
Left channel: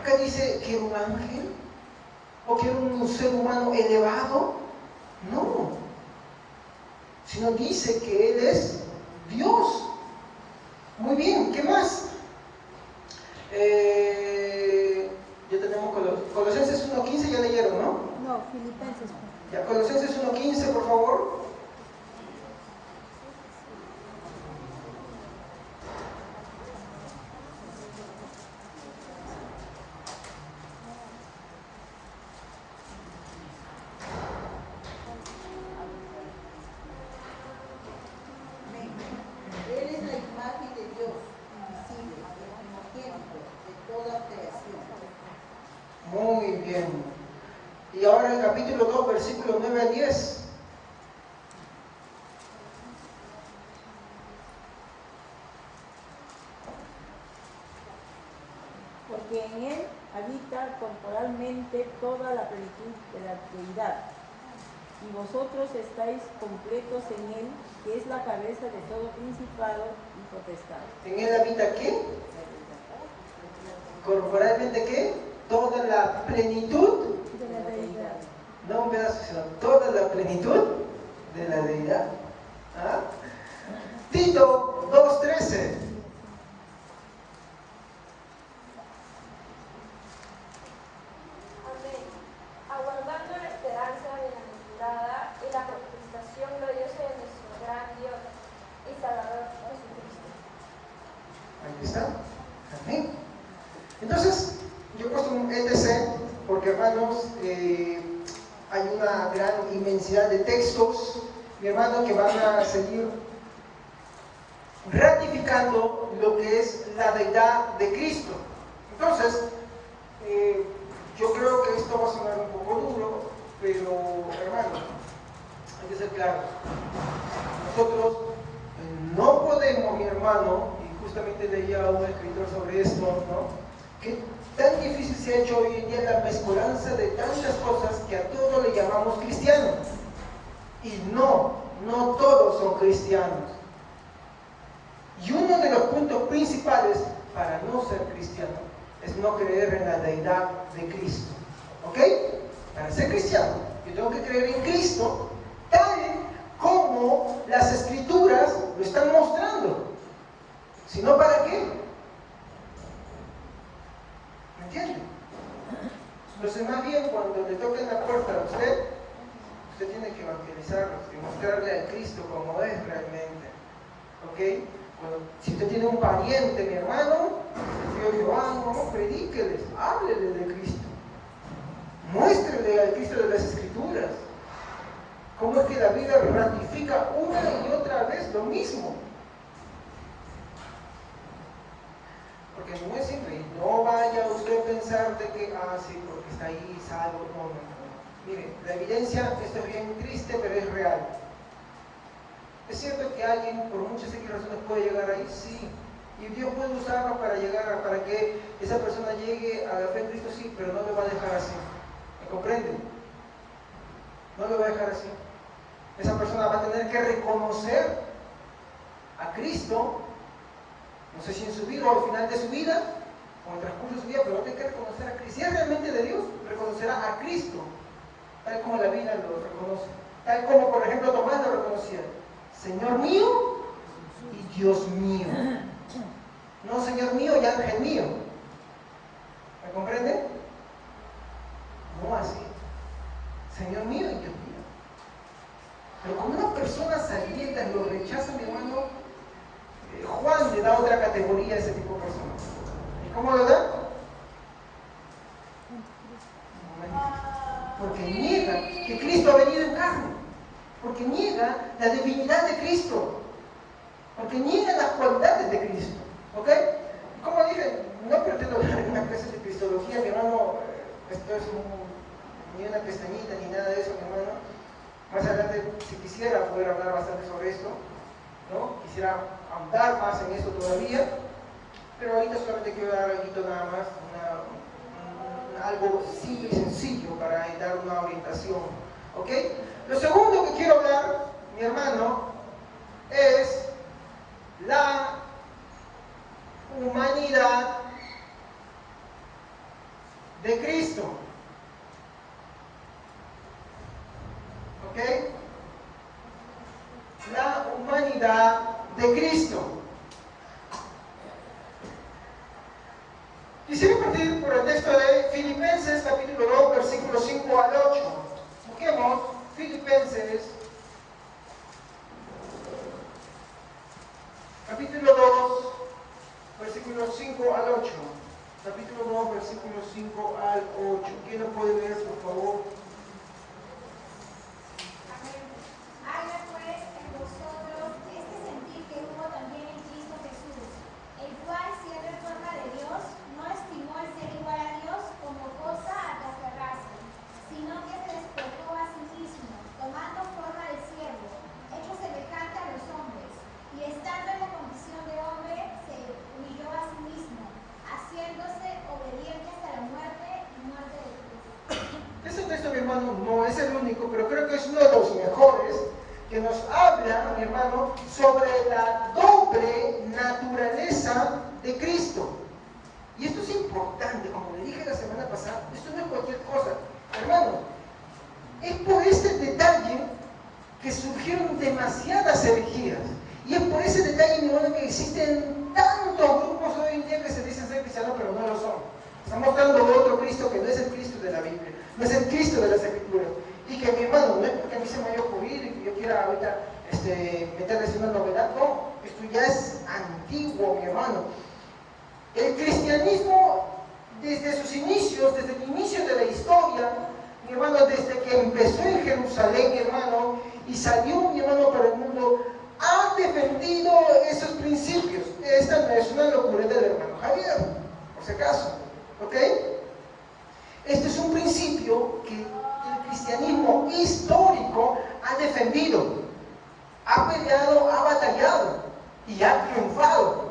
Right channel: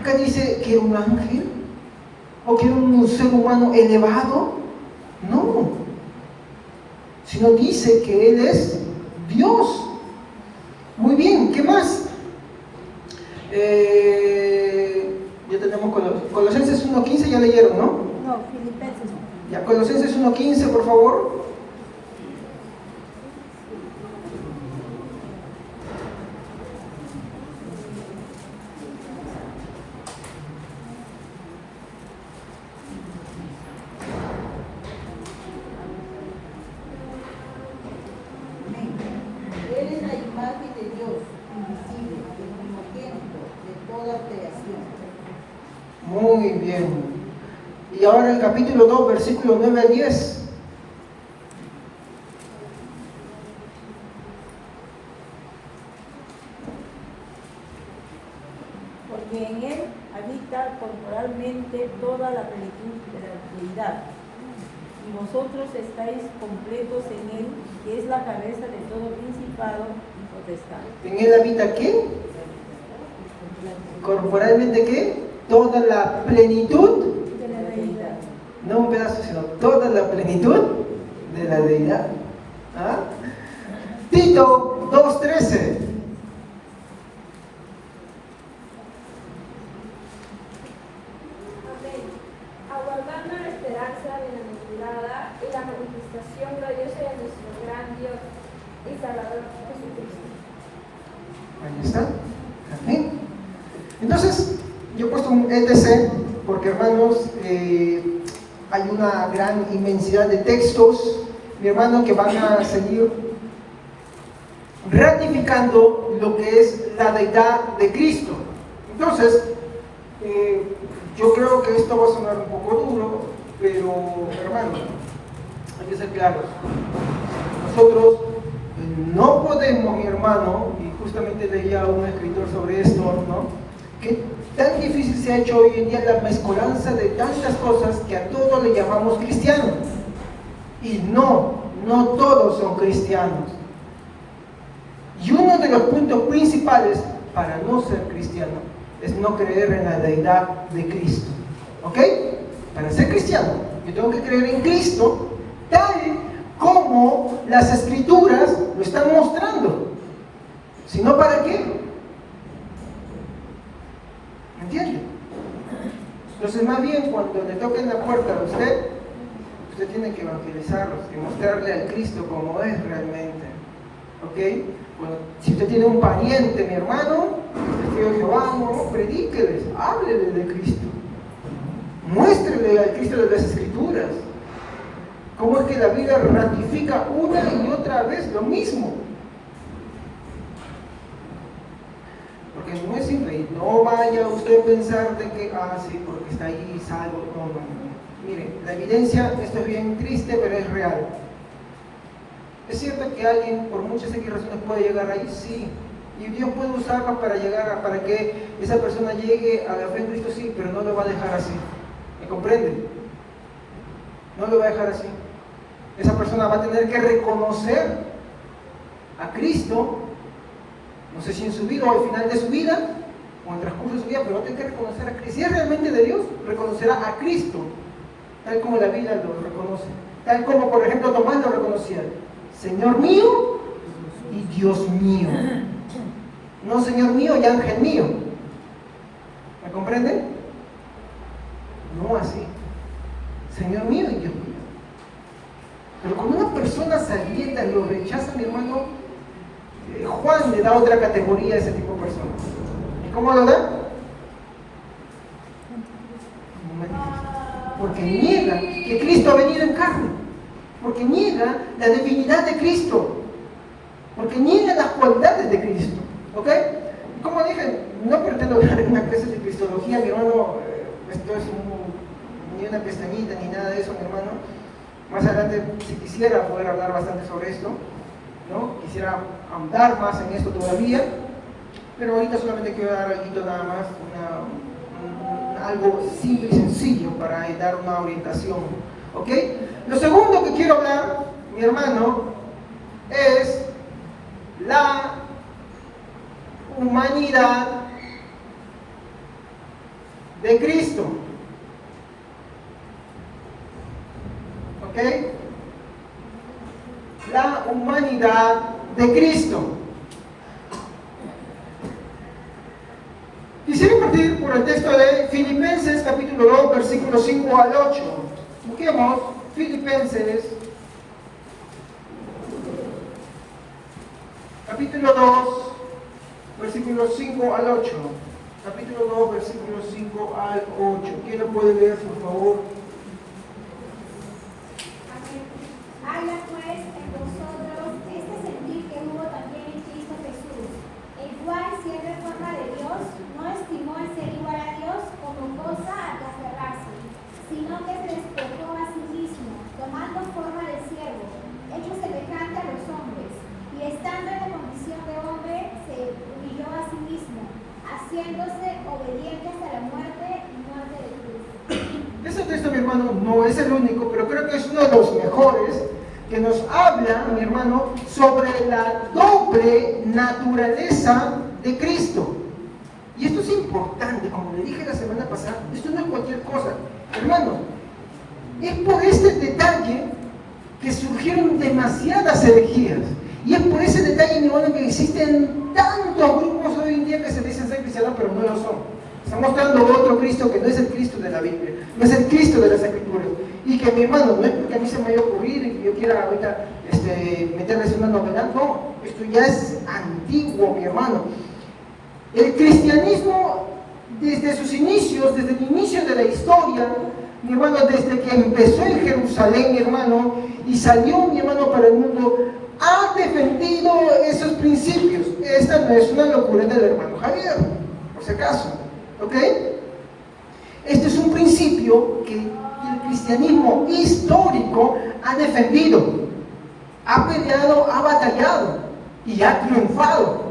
Acá dice que era un ángel o que era un ser humano elevado. No. Sino dice que Él es Dios. Muy bien, ¿qué más? Ya tenemos Colosenses 1.15, ya leyeron, ¿no? No, Filipenses. Ya, Colosenses 1.15, por favor. Él es la imagen de Dios, invisible, el primogénito de toda creación. Muy bien. Y ahora el capítulo 2, versículo 9 al 10. Porque en él habita corporalmente toda la plenitud de la deidad. Y vosotros estáis completos en él, que es la cabeza de todo principado y potestad. ¿En Él habita qué? Corporalmente qué? Toda la plenitud, De la deidad. no un pedazo, sino toda la plenitud de la deidad. ¿Ah? Tito 2.13. Amén. Aguardando la esperanza bienaventurada y la manifestación gloriosa de nuestro gran Dios y Salvador Jesucristo. Ahí está. Amén. Entonces, yo he puesto un ETC porque, hermanos, hay una gran inmensidad de textos, mi hermano, que van a seguir ratificando lo que es la deidad de Cristo. Entonces, yo creo que esto va a sonar un poco duro, pero, hermano, hay que ser claros. Nosotros no podemos, mi hermano, y justamente leía a un escritor sobre esto, ¿no? Que tan difícil se ha hecho hoy en día la mezcolanza de tantas cosas que a todos le llamamos cristianos. Y no todos son cristianos. Y uno de los puntos principales para no ser cristiano es no creer en la deidad de Cristo. ¿Ok? Para ser cristiano, yo tengo que creer en Cristo tal como las Escrituras lo están mostrando. Si no, ¿para qué? ¿Me entiende? Entonces, más bien, cuando le toquen la puerta a usted tiene que evangelizarlos, que mostrarle a Cristo como es realmente. ¿Ok? Bueno, si usted tiene un pariente, mi hermano, testigo de Jehová, no, predíqueles, háblele de Cristo. Muéstrele al Cristo de las Escrituras. ¿Cómo es que la Biblia ratifica una y otra vez lo mismo? Porque no es simple, y no vaya usted a pensar de que, sí, porque está ahí salvo. No. Mire, la evidencia, esto es bien triste, pero es real. Es cierto que alguien, por muchas X razones, puede llegar ahí, sí. Y Dios puede usarlo para que esa persona llegue a la fe en Cristo, sí, pero no lo va a dejar así. ¿Me comprenden? No lo va a dejar así. Esa persona va a tener que reconocer a Cristo, no sé si en su vida o al final de su vida, o en el transcurso de su vida, pero va a tener que reconocer a Cristo. Si es realmente de Dios, reconocerá a Cristo, tal como la Biblia lo reconoce. Tal como, por ejemplo, Tomás lo reconocía. Señor mío y Dios mío. No Señor mío y ángel mío. ¿Me comprende? No así. Señor mío y Dios mío. Pero cuando una persona salienta lo rechaza, mi hermano, Juan le da otra categoría a ese tipo de personas. ¿Y cómo lo da? Porque niega que Cristo ha venido en carne. Porque niega la divinidad de Cristo. Porque niega las cualidades de Cristo. ¿Ok? Como dije, no pretendo hablar en una clase de cristología, mi hermano, esto es ni una pestañita ni nada de eso, mi hermano. Más adelante, si quisiera poder hablar bastante sobre esto, ¿no? Quisiera ahondar más en esto todavía, pero ahorita solamente quiero dar algo nada más, algo simple y sencillo para dar una orientación. ¿Ok? Lo segundo que quiero hablar, mi hermano, es la humanidad de Cristo. ¿Ok? La humanidad de Cristo. Quisiera partir por el texto de Filipenses capítulo 2, versículos 5 al 8. Busquemos Filipenses capítulo 2, versículos 5 al 8. Capítulo 2, versículos 5 al 8. ¿Quién lo puede leer, por favor? Haya pues en nosotros este sentir que hubo también en Cristo Jesús, el cual, siendo en forma de Dios, no estimó el ser igual a Dios como cosa a que aferrarse, sino que se despojó a sí mismo, tomando forma de siervo, hecho semejante a los hombres, y estando en la condición de hombre, se humilló a sí mismo, haciéndose obediente hasta la muerte y muerte de cruz. Ese texto, mi hermano, no es el único, pero creo que es uno de los mejores que nos habla, mi hermano, sobre la doble naturaleza de Cristo. Y esto es importante, como le dije la semana pasada, esto no es cualquier cosa. Hermano, es por este detalle que surgieron demasiadas herejías. Y es por ese detalle, mi hermano, que existen tantos grupos hoy en día que se dicen ser cristianos, pero no lo son. Están mostrando otro Cristo que no es el Cristo de la Biblia, no es el Cristo de las Escrituras. Y que, mi hermano, no es porque a mí se me vaya a ocurrir y que yo quiera ahorita meterles una novedad, no, esto ya es antiguo, mi hermano. El cristianismo, desde sus inicios, desde el inicio de la historia, mi hermano, desde que empezó en Jerusalén, mi hermano, y salió, mi hermano, para el mundo, ha defendido esos principios. Esta no es una locura del hermano Javier, por si acaso, ¿ok? Este es un principio que el cristianismo histórico ha defendido, ha peleado, ha batallado y ha triunfado.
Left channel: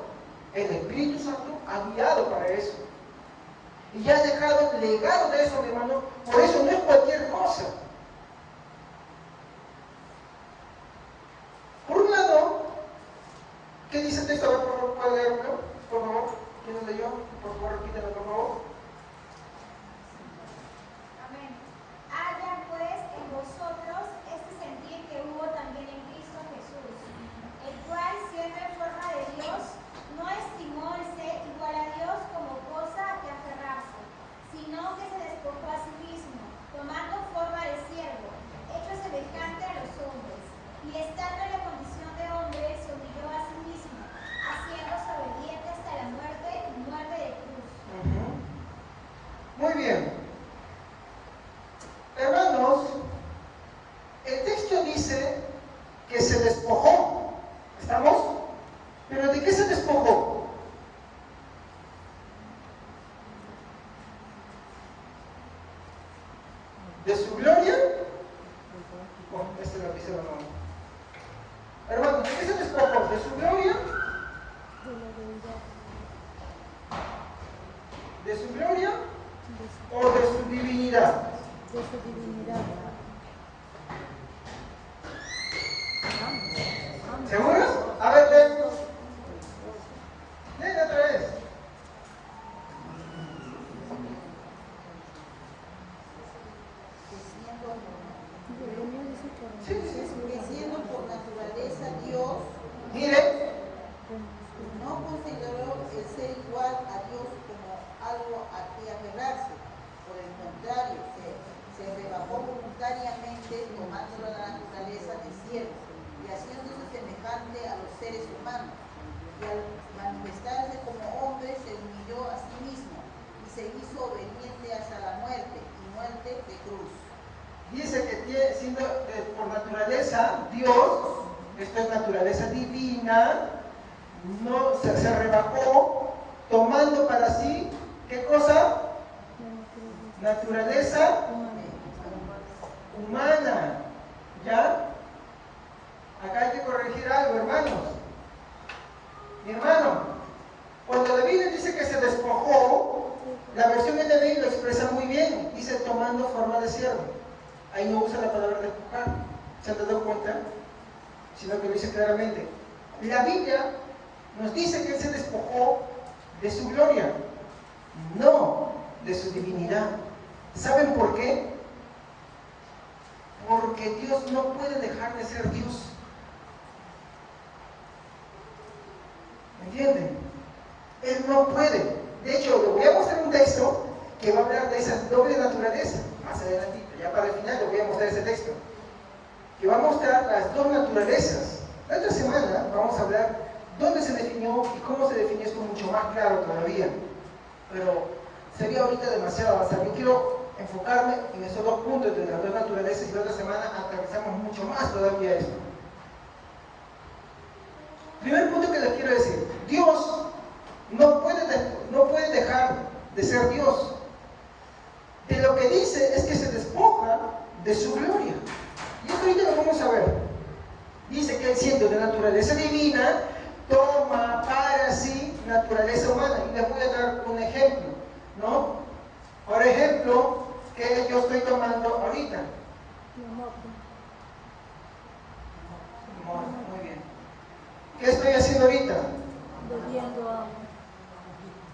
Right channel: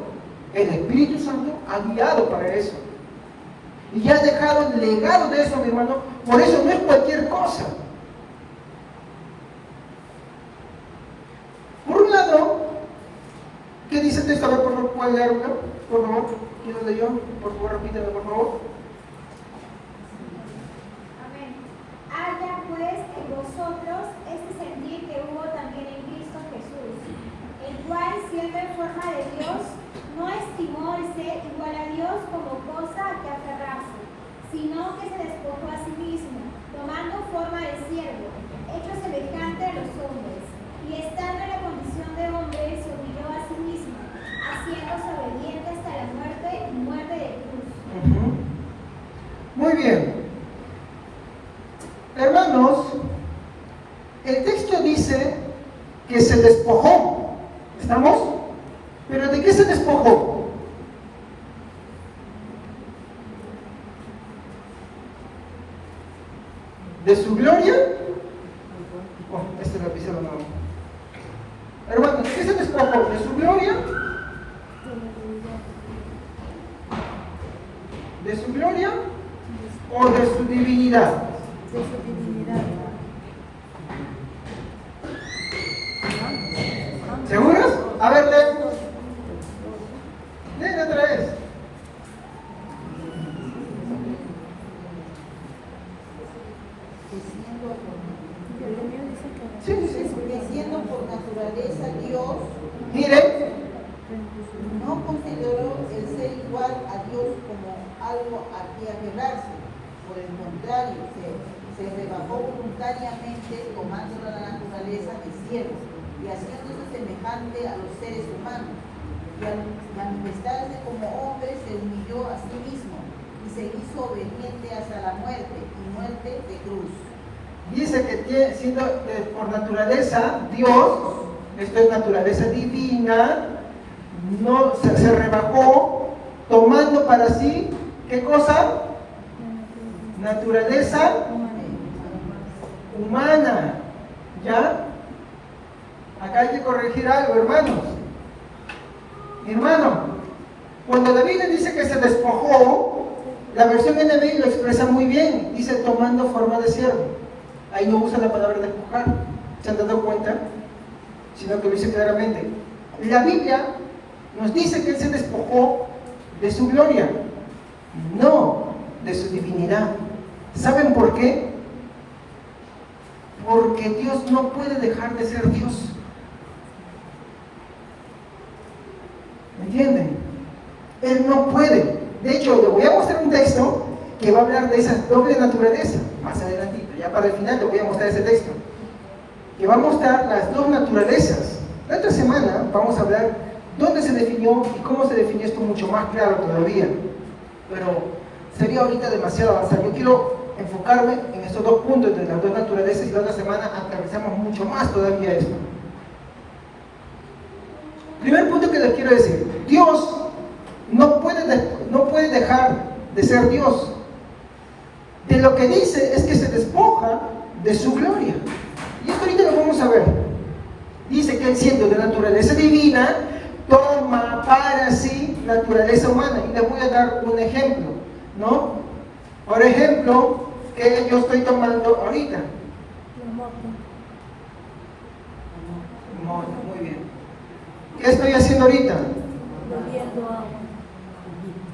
El Espíritu Santo ha guiado para eso. Y ha dejado el legado de eso, mi hermano. Por eso no es cualquier cosa. Por un lado, ¿qué dice el texto? A ver, por favor, ¿puede leerlo? Por favor, ¿quién lo leyó? Por favor, repítelo, por favor. Amén. Haya pues en vosotros este sentir que hubo también en Cristo Jesús, el cual, siendo en forma de Dios, no estimó el ser igual a Dios como cosa a que aferrarse, sino que se despojó a sí mismo, tomando forma de siervo, hecho semejante a los hombres, y estando en la condición de hombre, se humilló a sí mismo, haciéndose obediente hasta la muerte y muerte de cruz. Muy bien. Hermanos, el texto dice que se despojó. ¿Estamos? ¿Pero de qué se despojó? ¿De su gloria? Oh, esto lo dice no. Hermanos, ¿de qué se despojó? ¿De su gloria? ¿De su gloria o de su divinidad? ¿Seguros? A ver, leen otra vez. Sí. Que siendo por naturaleza Dios, Miren, no consideró el ser igual a Dios como algo a que aferrarse. Por el contrario, se rebajó voluntariamente tomando la naturaleza de siervo y haciéndose semejante a los seres humanos. Y al manifestarse como hombre, se humilló a sí mismo y se hizo obediente hasta la muerte y muerte de cruz. dice que siendo por naturaleza Dios, esto es naturaleza divina, no se rebajó tomando para sí, ¿qué cosa? Naturaleza humana. ¿Ya? Acá hay que corregir algo, hermanos. Hermano, cuando la Biblia dice que se despojó, la versión NBI lo expresa muy bien. Dice tomando forma de siervo. Ahí no usa la palabra despojar. ¿Se han dado cuenta? sino que lo dice claramente. La Biblia nos dice que Él se despojó de su gloria, no de su divinidad. ¿Saben por qué? Porque Dios no puede dejar de ser Dios. ¿Me entienden? Él no puede. De hecho, le voy a mostrar un texto que va a hablar de esa doble naturaleza. Más adelantito, ya para el final, le voy a mostrar ese texto. Que va a mostrar las dos naturalezas. La otra semana vamos a hablar dónde se definió y cómo se definió esto mucho más claro todavía. Pero sería ahorita demasiado avanzado. Yo quiero enfocarme en estos dos puntos de las dos naturalezas y la otra semana aterrizamos mucho más todavía esto. Primer punto que les quiero decir: Dios no puede dejar de ser Dios. De lo que dice es que se despoja de su gloria. Y esto ahorita lo vamos a ver. Dice que Él, siendo de naturaleza divina, toma para sí naturaleza humana. Y les voy a dar un ejemplo, ¿no? Por ejemplo, que yo estoy tomando ahorita. Muy bien. ¿Qué estoy haciendo ahorita?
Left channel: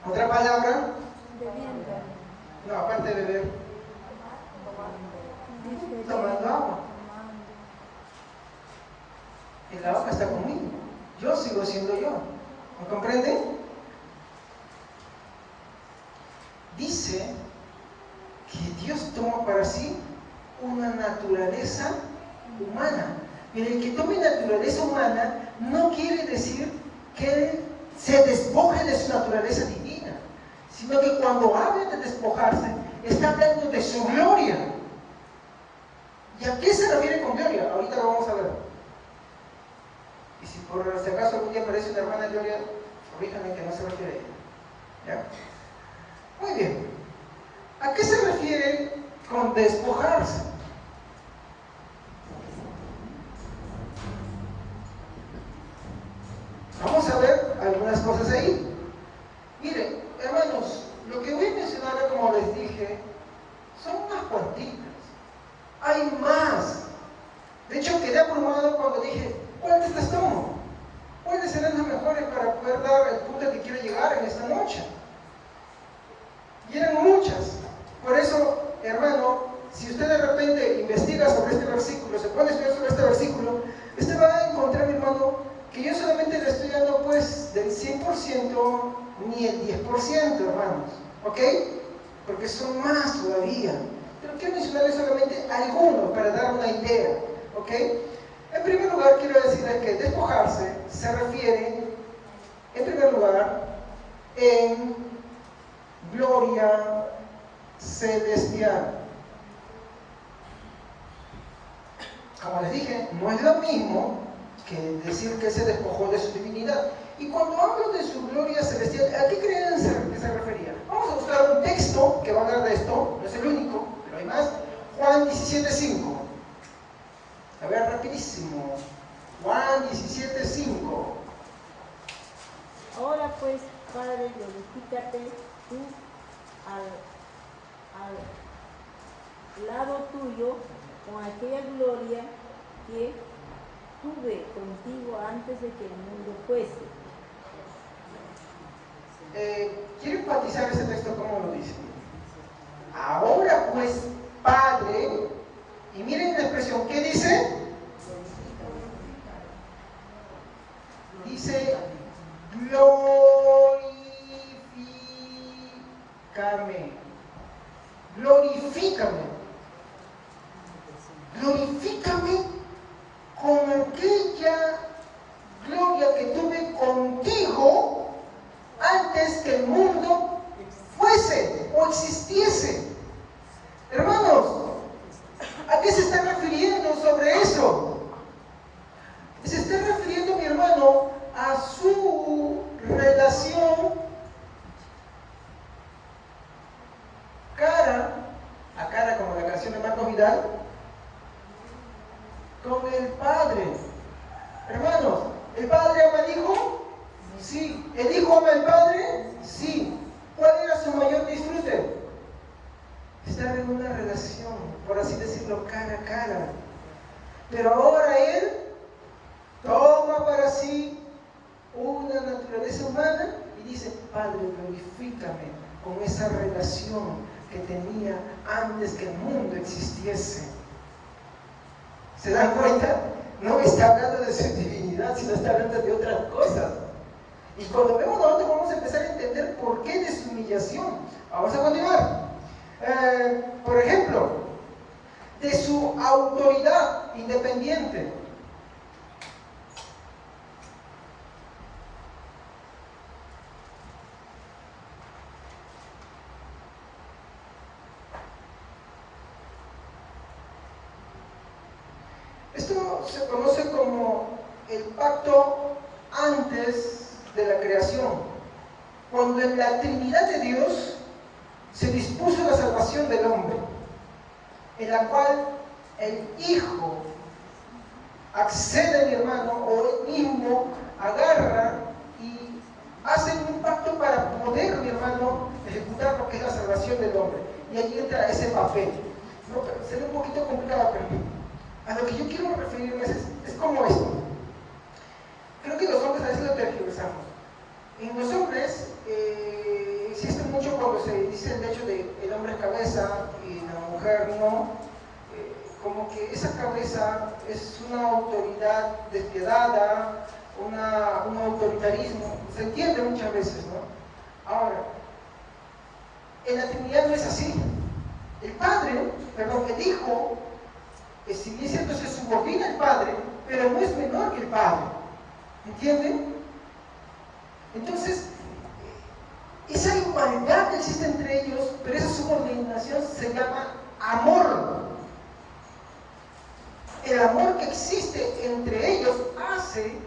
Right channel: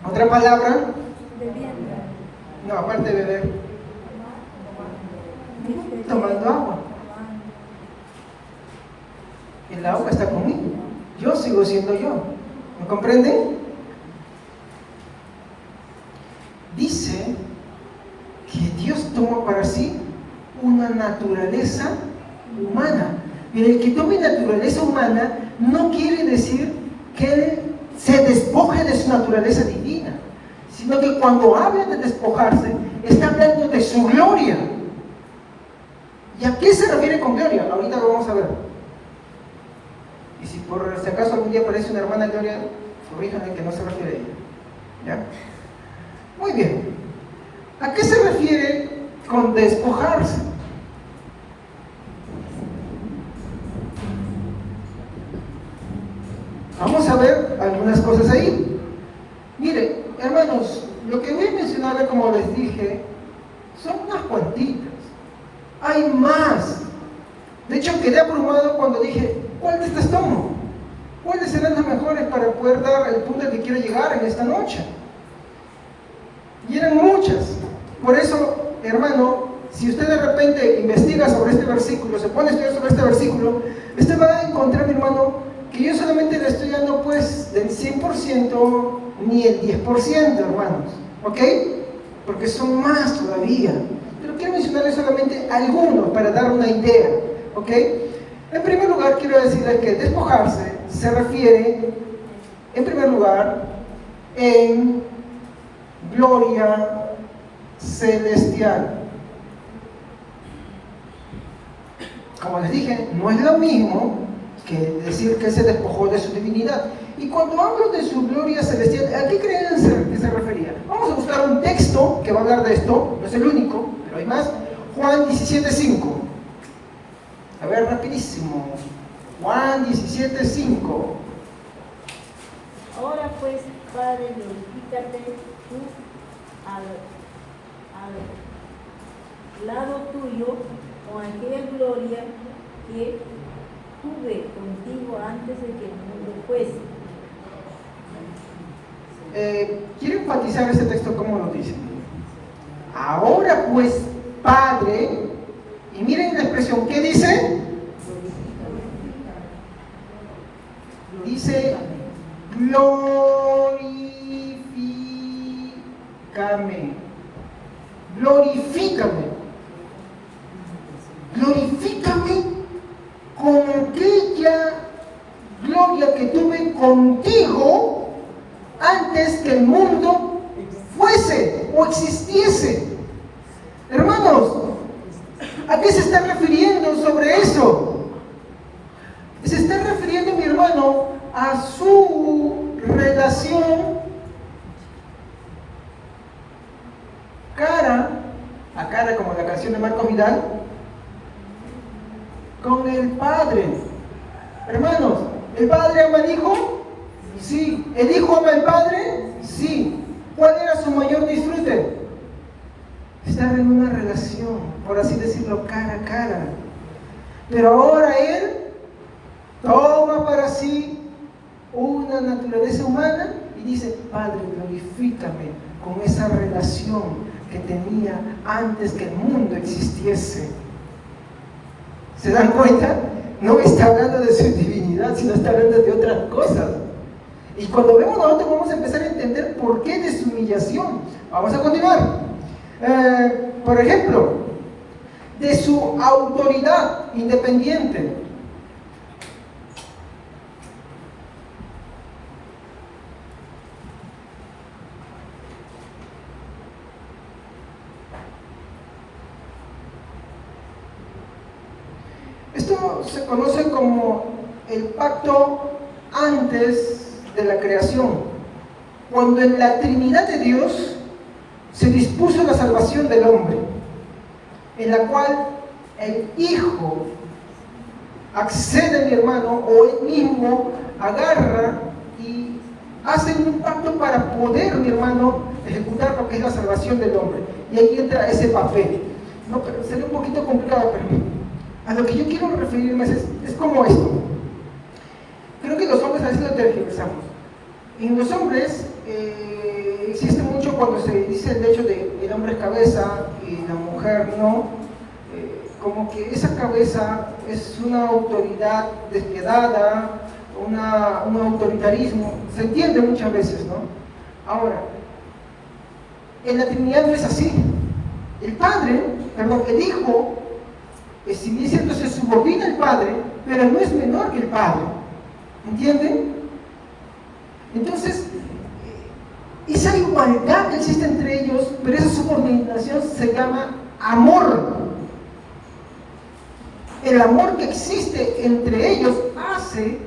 ¿Otra palabra? No, aparte de beber. Tomando agua. El agua está conmigo. Yo sigo siendo yo. ¿Me comprenden? Dice que Dios tomó para sí una naturaleza humana. Y el que tome naturaleza humana no quiere decir que Él se despoje de su naturaleza divina, sino que cuando habla de despojarse, está hablando de su gloria. ¿Y a qué se refiere con gloria? Ahorita lo vamos a ver. Y si por si acaso algún día aparece una hermana Gloria, corríjanme que no se refiere a ella. ¿Ya? Muy bien. ¿A qué se refiere con despojarse? Vamos a ver algunas cosas ahí. Mire, hermanos, lo que voy a mencionar, como les dije, son unas cuantitas. Hay más. De hecho, quedé abrumado cuando dije, ¿cuál de estas tomo? ¿Cuáles serán las mejores para poder dar el punto al que quiero llegar en esta noche? Y eran muchas. Por eso, hermano, si usted de repente investiga sobre este versículo, se pone a estudiar sobre este versículo, usted va a encontrar, mi hermano, que yo solamente le estoy dando pues del 100% ni el 10%, hermanos. ¿Ok? Porque son más todavía. Pero quiero mencionarles solamente algunos para dar una idea. ¿Ok? En primer lugar, quiero decirles que despojarse se refiere, en primer lugar, en gloria celestial. Como les dije, no es lo mismo que decir que se despojó de su divinidad. Y cuando hablo de su gloria celestial, ¿a qué creen que se refería? Vamos a buscar un texto que va a hablar de esto, no es el único, pero hay más. Juan 17:5. A ver, rapidísimo. Juan 17:5. Ahora pues, Padre, glorifícate tú al lado tuyo con aquella gloria que tuve contigo antes de que el mundo fuese. Quiero enfatizar este texto como lo dice. Ahora pues, Padre, y miren la expresión, ¿qué dice? Dice, glorifícame. Glorifícame. Glorifícame con aquella gloria que tuve contigo antes que el mundo fuese o existiese. Hermanos, ¿a qué se está refiriendo sobre eso? Se está refiriendo, mi hermano, a su relación cara a cara, como la canción de Marco Vidal, con el Padre. Hermanos, ¿el Padre ama al Hijo? Sí. ¿El Hijo ama al Padre? Sí. ¿Cuál era su mayor disfrute? Estar en una relación, por así decirlo, cara a cara. Pero ahora Él toma para sí una naturaleza humana y dice, Padre, glorifícame con esa relación que tenía antes que el mundo existiese. ¿Se dan cuenta? No está hablando de su divinidad, sino está hablando de otras cosas. Y cuando vemos nosotros vamos a empezar a entender por qué de su humillación. Vamos a continuar. Por ejemplo, de su autoridad independiente. Esto se conoce como el pacto antes de la creación, cuando en la Trinidad de Dios se dispuso la salvación del hombre, en la cual el Hijo accede, mi hermano, o él mismo agarra y hace un pacto para poder, mi hermano, ejecutar lo que es la salvación del hombre. Y ahí entra ese papel. No, pero sería un poquito complicado para mí. A lo que yo quiero referirme es como esto. Creo que los hombres a veces lo tergiversamos. En los hombres existe mucho cuando se dice el hecho de el hombre es cabeza y la mujer no, como que esa cabeza es una autoridad despiadada, un autoritarismo, se entiende muchas veces, ¿no? Ahora, en la Trinidad no es así. El Hijo, si bien es cierto, se subordina al Padre, pero no es menor que el Padre. ¿Entienden? Entonces, esa igualdad que existe entre ellos, pero esa subordinación se llama amor. El amor que existe entre ellos hace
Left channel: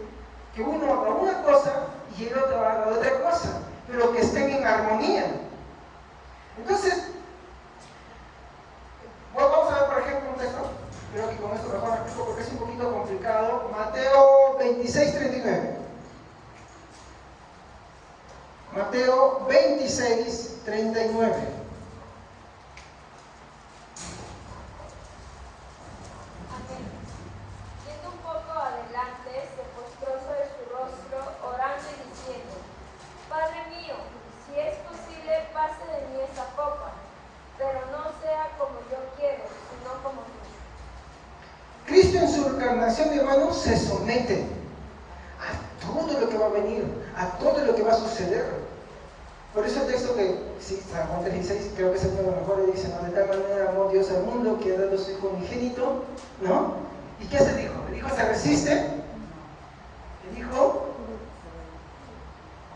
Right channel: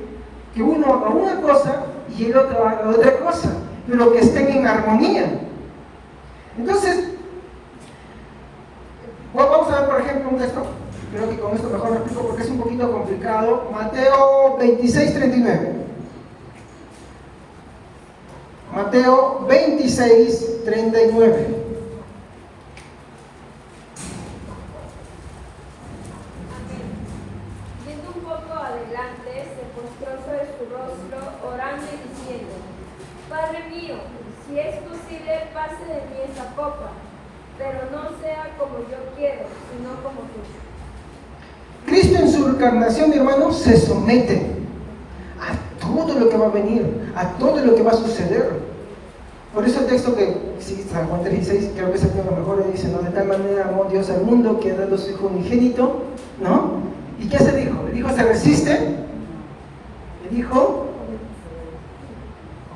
que uno haga una cosa y el otro haga otra cosa, pero que estén en armonía. Entonces, vamos a ver, por ejemplo, un texto. Creo que con esto mejor lo explico porque es un poquito complicado. Mateo 26:39. Mateo 26:39. Yendo un poco adelante, se postró sobre su rostro, orando y diciendo: Padre mío, si es posible, pase de mí esa copa, pero no sea como yo quiero, sino como tú. Cristo en su encarnación, mi hermano, se somete a todo lo que va a venir, a todo lo que va a suceder. Por eso el texto que, sí, San Juan 3:16, creo que es el que mejor le dice, ¿no? De tal manera amó Dios al mundo que ha dado su Hijo unigénito, ¿no? ¿Y qué hace el Hijo? El Hijo se resiste, el Hijo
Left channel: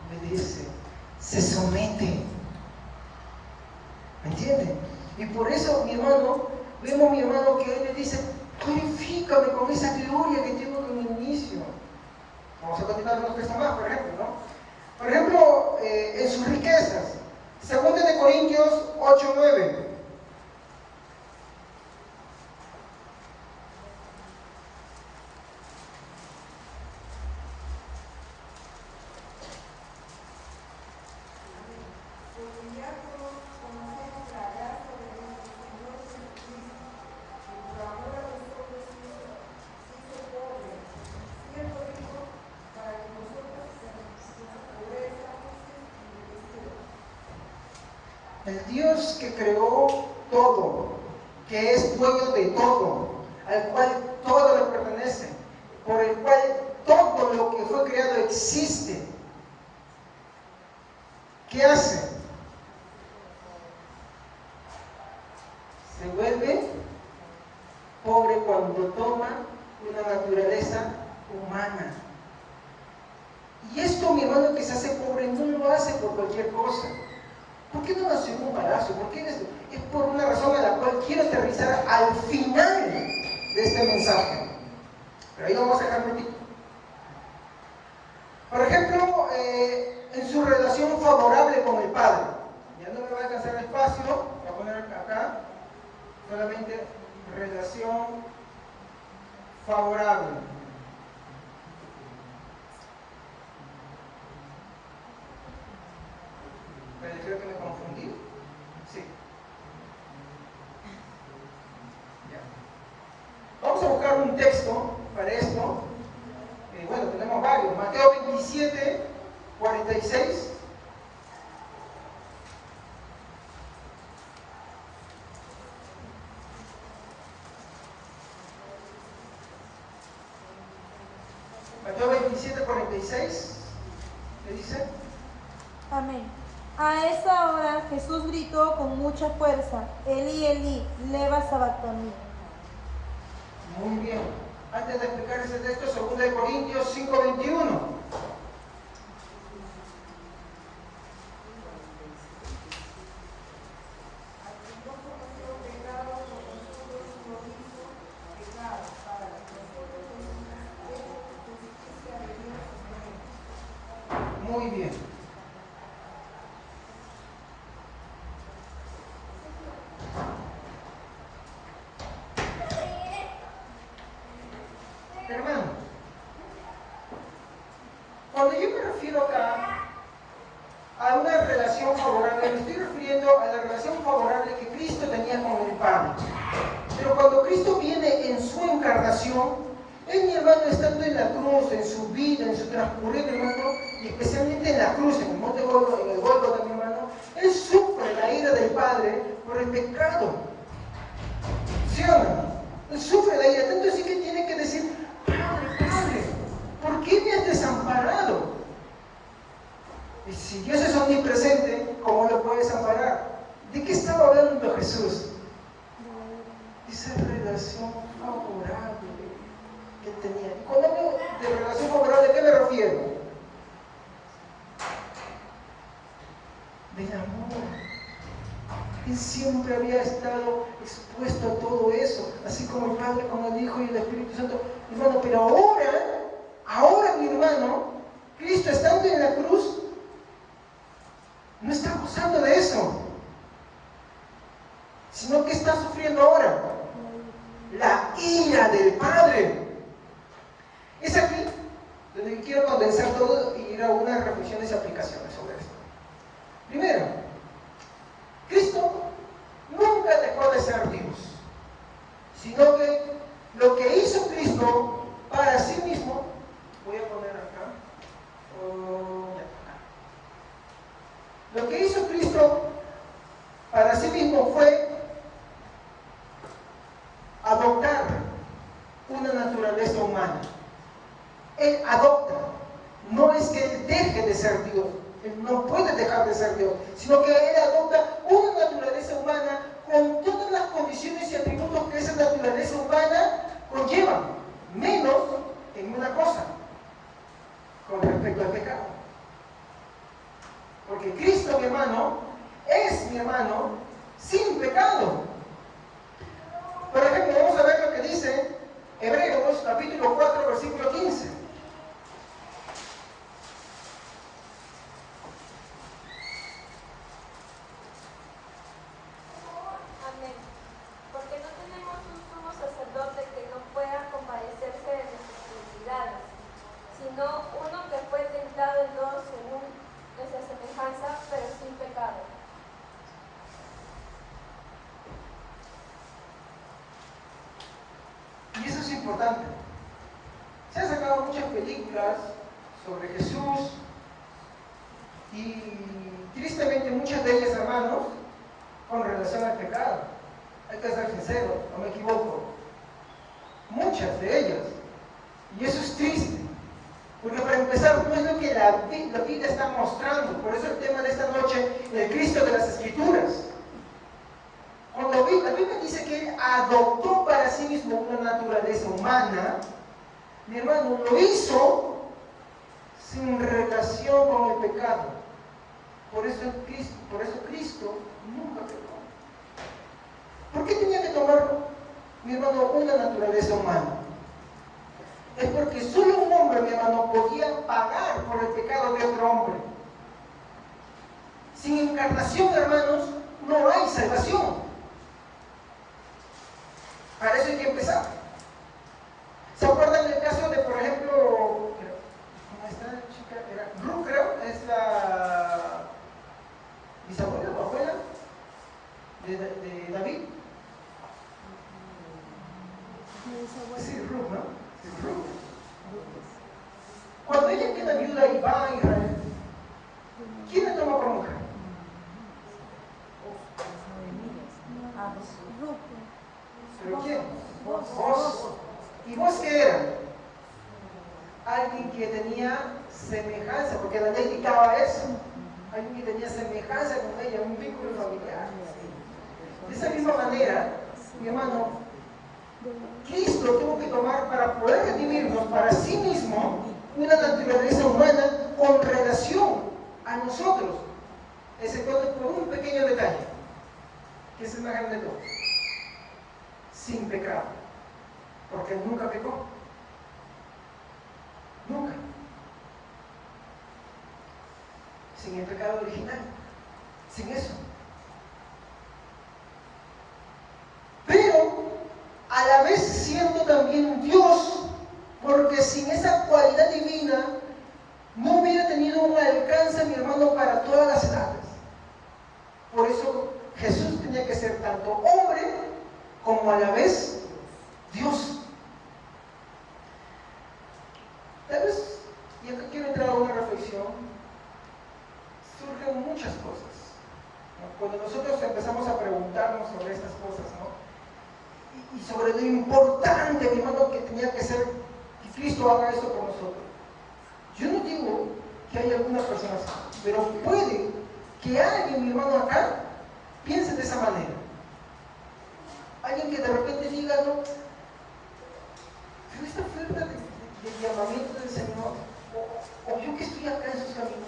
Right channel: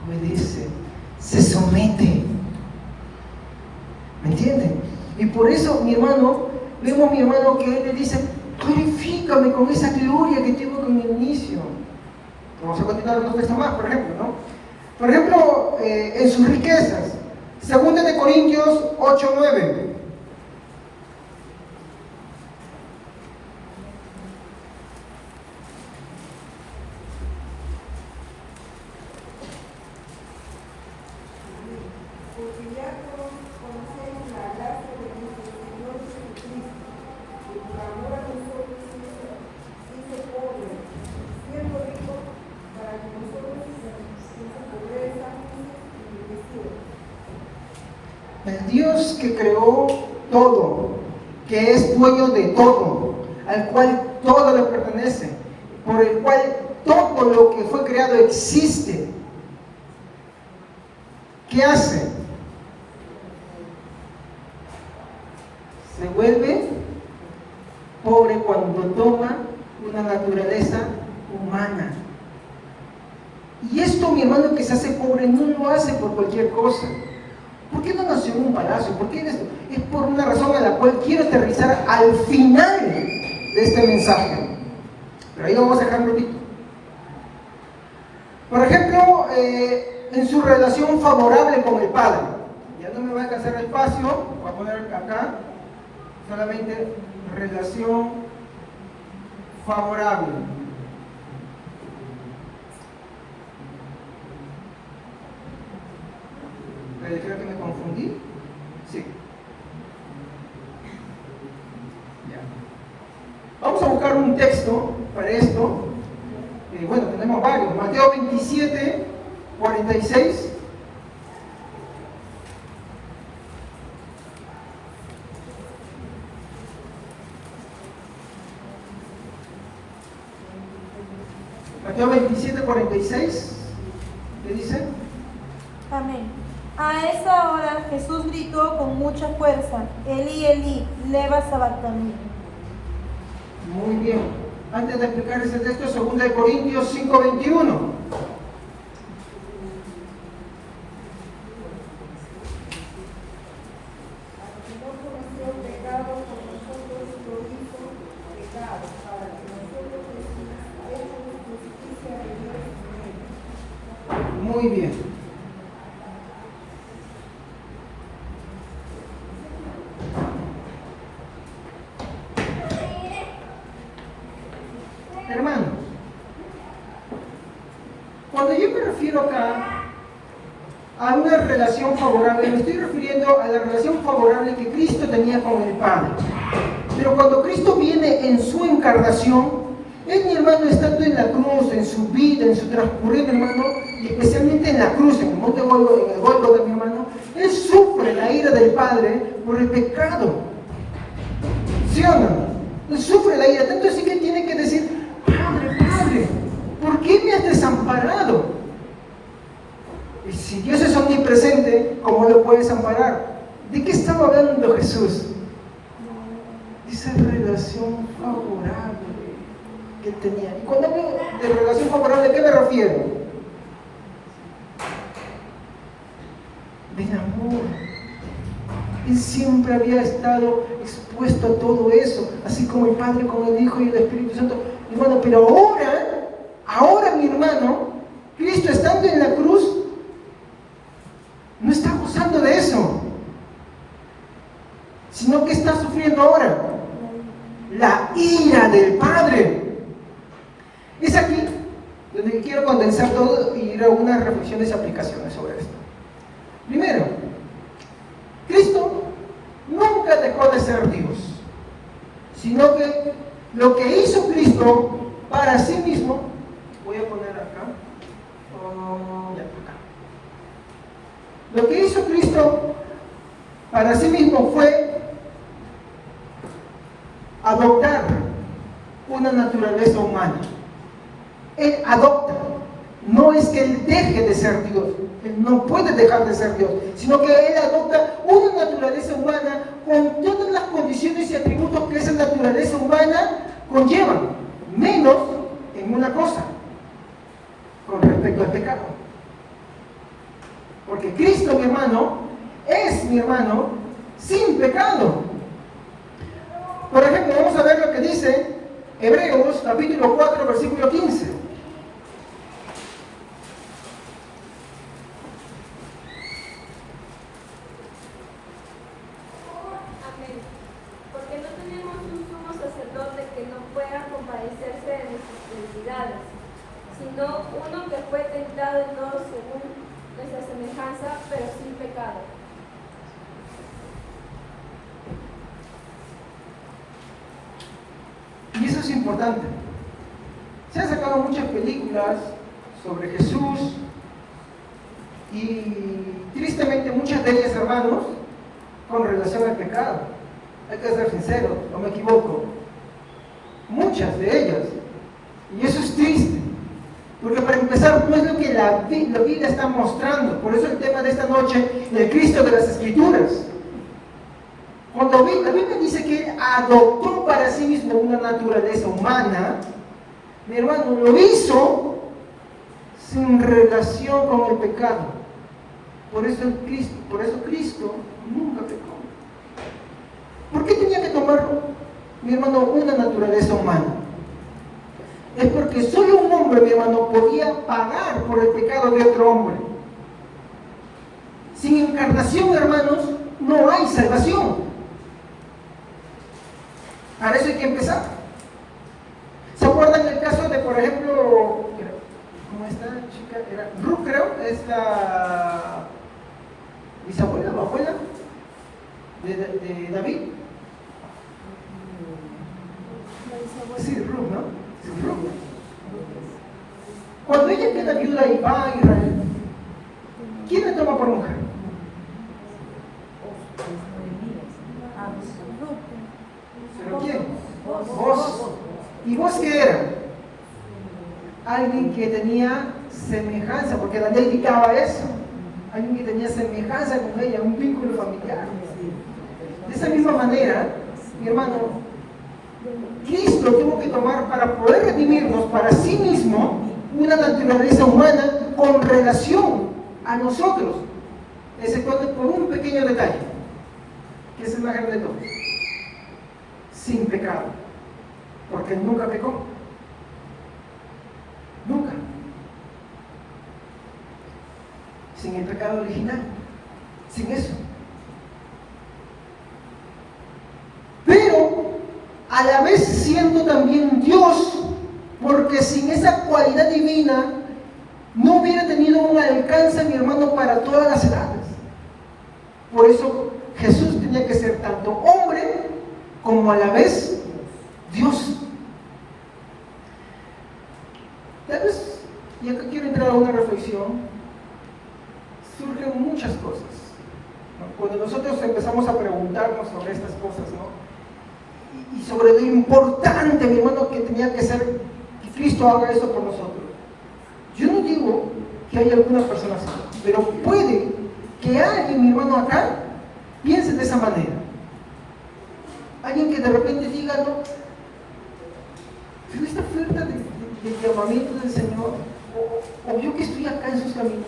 obedece, se somete. ¿Me entienden? Y por eso, mi hermano, vemos, mi hermano, que él le dice, glorifícame con esa gloria que tengo con el inicio. Vamos a continuar otro texto más, por ejemplo, ¿no? Por ejemplo, en sus riquezas, 2 Corintios 8:9. El Dios que creó todo, que es dueño de todo, al cual todo le pertenece, por el cual todo lo que fue creado existe. ¿Qué hace? Se vuelve pobre cuando toma una naturaleza humana. Y esto, mi hermano, que se hace pobre, no lo hace por cualquier cosa. ¿Por qué no nació en un palacio? ¿Por qué? Es por una razón a la cual quiero aterrizar al final de este mensaje. Pero ahí vamos a dejar un poquito. Por ejemplo, en su relación favorable con el Padre. Ya no me va a alcanzar el espacio, voy a poner acá solamente relación favorable. Creo que me confundí. Sí. Ya. Vamos a buscar un texto para esto. bueno, tenemos varios. Mateo 27, 46. Mateo 27, 46. ¿Qué dice? Amén. A esa hora Jesús gritó con mucha fuerza, Elí, Elí, lema sabactani. Muy bien. Antes de explicar ese texto, 2 Corintios 5, 21. Muy bien. Hermanos, cuando yo me refiero acá a una relación favorable, me estoy refiriendo a la relación favorable que Cristo tenía con el Padre. Pero cuando Cristo viene en su encarnación, él, mi hermano, estando en la cruz, en su vida, en su transcurrir, hermano, y especialmente en la cruz, en el monte Gólgota, mi hermano, él sufre la ira del Padre por el pecado. ¿Sí o no? Él sufre la ira, tanto así que tiene que decir: Padre, Padre, ¿por qué me has desamparado? Y si Dios es omnipresente, ¿cómo lo puedes amparar? ¿De qué estaba hablando Jesús? Esa relación favorable que él tenía. Y cuando hablo de relación favorable, ¿a qué me refiero? Del amor. Él siempre había estado expuesto a todo eso, así como el Padre, como el Hijo y el Espíritu Santo. Hermano, pero ahora mi hermano, Cristo estando en la cruz, no está gozando de eso, sino que está sufriendo ahora la ira del Padre. Es aquí donde quiero condensar todo y ir a algunas reflexiones y aplicaciones sobre esto. Primero, Cristo nunca dejó de ser Dios, sino que lo que hizo Cristo para sí mismo, voy a poner acá, lo que hizo Cristo para sí mismo fue adoptar una naturaleza humana. Él adopta, no es que Él deje de ser Dios, Él no puede dejar de ser Dios, sino que Él adopta una naturaleza humana con todas las condiciones y atributos que esa naturaleza humana conlleva, menos en una cosa, con respecto al pecado. Porque Cristo, mi hermano, es mi hermano sin pecado. Por ejemplo, vamos a ver lo que dice Hebreos capítulo 4, versículo 15. Amén. Porque no tenemos un sumo sacerdote que no pueda compadecerse de nuestras necesidades, sino uno que fue tentado en todo según nuestra semejanza, pero sin pecado. Y eso es importante. Se han sacado muchas películas sobre Jesús y tristemente muchas de ellas, hermanos, con relación al pecado. Hay que ser sincero, no me equivoco. Muchas de ellas. Y eso es triste. Porque para empezar, no es lo que la Biblia está mostrando. Por eso el tema de esta noche, el Cristo de las Escrituras. Cuando la Biblia dice que Él adoptó para sí mismo una naturaleza humana, mi hermano, lo hizo sin relación con el pecado. Por eso Cristo nunca pecó. ¿Por qué tenía que tomar, mi hermano, una naturaleza humana? Es porque solo un hombre, mi hermano, podía pagar por el pecado de otro hombre. Sin encarnación, hermanos, no hay salvación. Para eso hay que empezar. ¿Se acuerdan del caso de, por ejemplo, cómo esta chica? Era Ruth, creo, es la bisabuela o abuela de David. Sí, Ruth, ¿no? Sí, Ruth. ella queda viuda y va a Israel, ¿quién le toma por mujer? ¿Pero quién? Vos. ¿Y vos qué era? Alguien que tenía semejanza, porque la ley dictaba eso. Alguien que tenía semejanza con ella, un vínculo familiar. De esa misma manera, mi hermano, Cristo tuvo que tomar para poder redimirnos para sí mismo una naturaleza humana con relación a nosotros, exceptuando por un pequeño detalle, que es el más grande de todos: sin pecado, porque él nunca pecó, nunca, sin el pecado original, sin eso. Pero a la vez siendo también Dios, porque sin esa cualidad divina no hubiera tenido un alcance, mi hermano, para todas las edades. Por eso Jesús tenía que ser tanto hombre como a la vez Dios. Tal vez, y acá quiero entrar a una reflexión, surgen muchas cosas, ¿no? Cuando nosotros empezamos a preguntarnos sobre estas cosas, ¿no? Y sobre lo importante, mi hermano, que tenía que ser que Cristo haga eso por nosotros. Yo no digo que hay algunas personas así, pero puede que alguien, mi hermano, acá piense de esa manera. Alguien que de repente diga, no, pero esta oferta de llamamiento del Señor, o yo que estoy acá en sus caminos,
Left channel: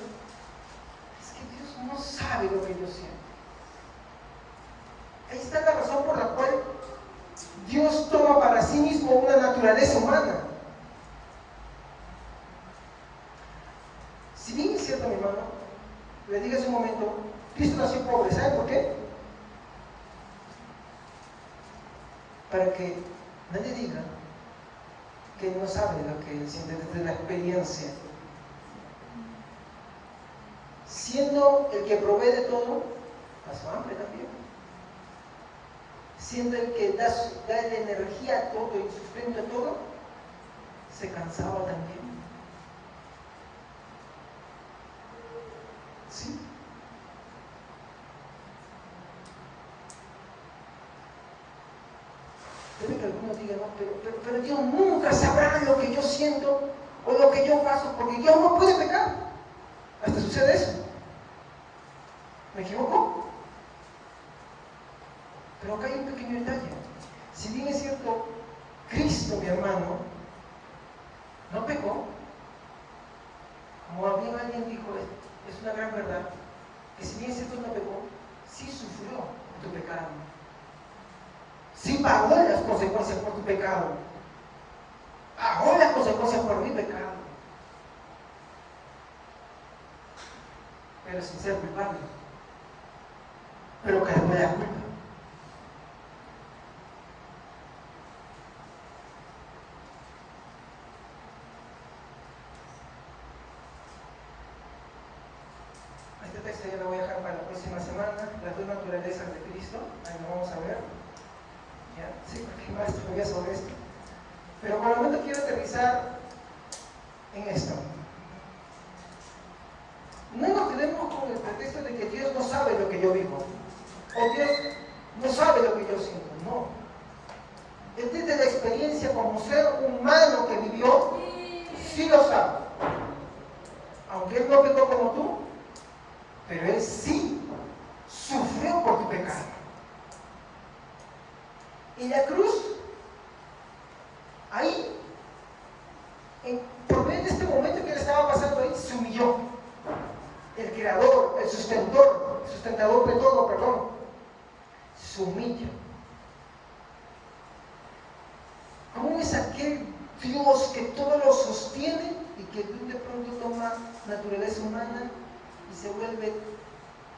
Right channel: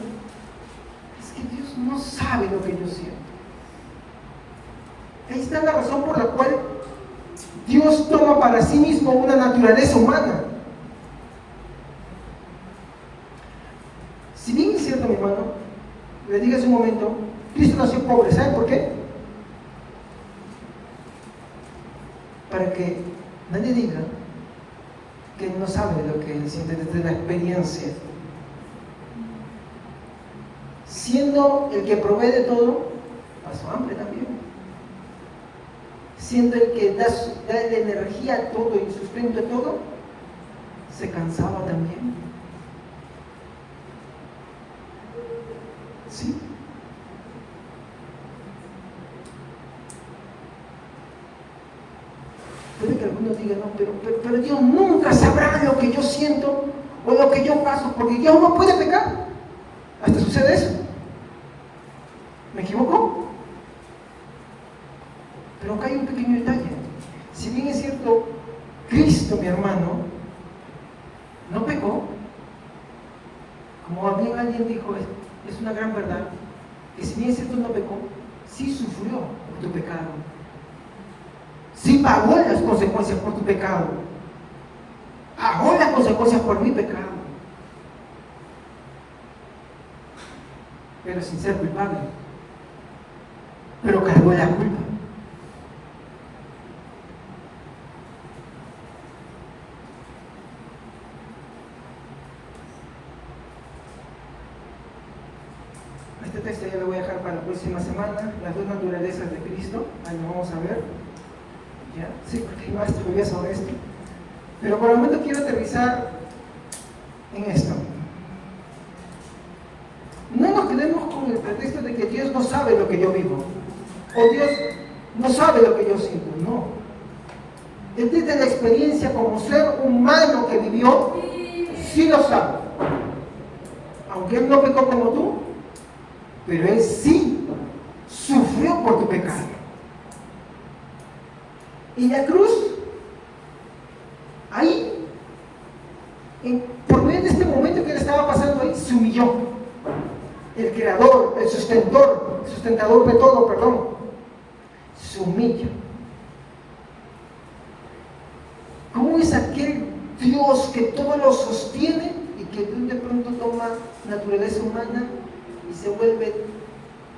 es que Dios no sabe lo que yo siento. Ahí está la razón por la cual Dios toma para sí mismo una naturaleza humana. Si bien es cierto, mi hermano, le digo hace un momento, Cristo nació pobre, ¿saben por qué? Para que nadie diga que no sabe lo que siente desde la experiencia. Siendo el que provee de todo, pasó hambre también. Siendo el que da la energía a todo y sustento a todo, se cansaba también. ¿Sí? Puede que algunos digan, no, pero Dios nunca sabrá lo que yo siento o lo que yo paso, porque Dios no puede pecar. Hasta sucede eso. ¿Me equivoco? Pero acá hay un pequeño detalle. Si bien es cierto, Cristo, mi hermano, no pecó, como alguien dijo, es una gran verdad, que si bien es cierto no pecó, sí sufrió por tu pecado. Sí pagó las consecuencias por tu pecado. Pagó las consecuencias por mi pecado. Pero sin ser culpable. Pero cargó la culpa. Este texto ya lo voy a dejar para la próxima semana, las dos naturalezas de Cristo, ahí lo vamos a ver. ¿Ya? Sí, porque no estudié sobre esto. Pero por el momento quiero aterrizar en esto. No nos quedemos con el pretexto de que Dios no sabe lo que yo vivo, o Dios no sabe lo que yo siento, no. Él desde la experiencia como ser humano que vivió, sí lo sabe. Aunque Él no pecó como tú, pero Él sí sufrió por tu pecado. Y la cruz, ahí, por medio de este momento que Él estaba pasando ahí, se humilló. El creador, el sustentador de todo, perdón, se humilla. ¿Cómo es aquel Dios que todo lo sostiene y que de pronto toma naturaleza humana y se vuelve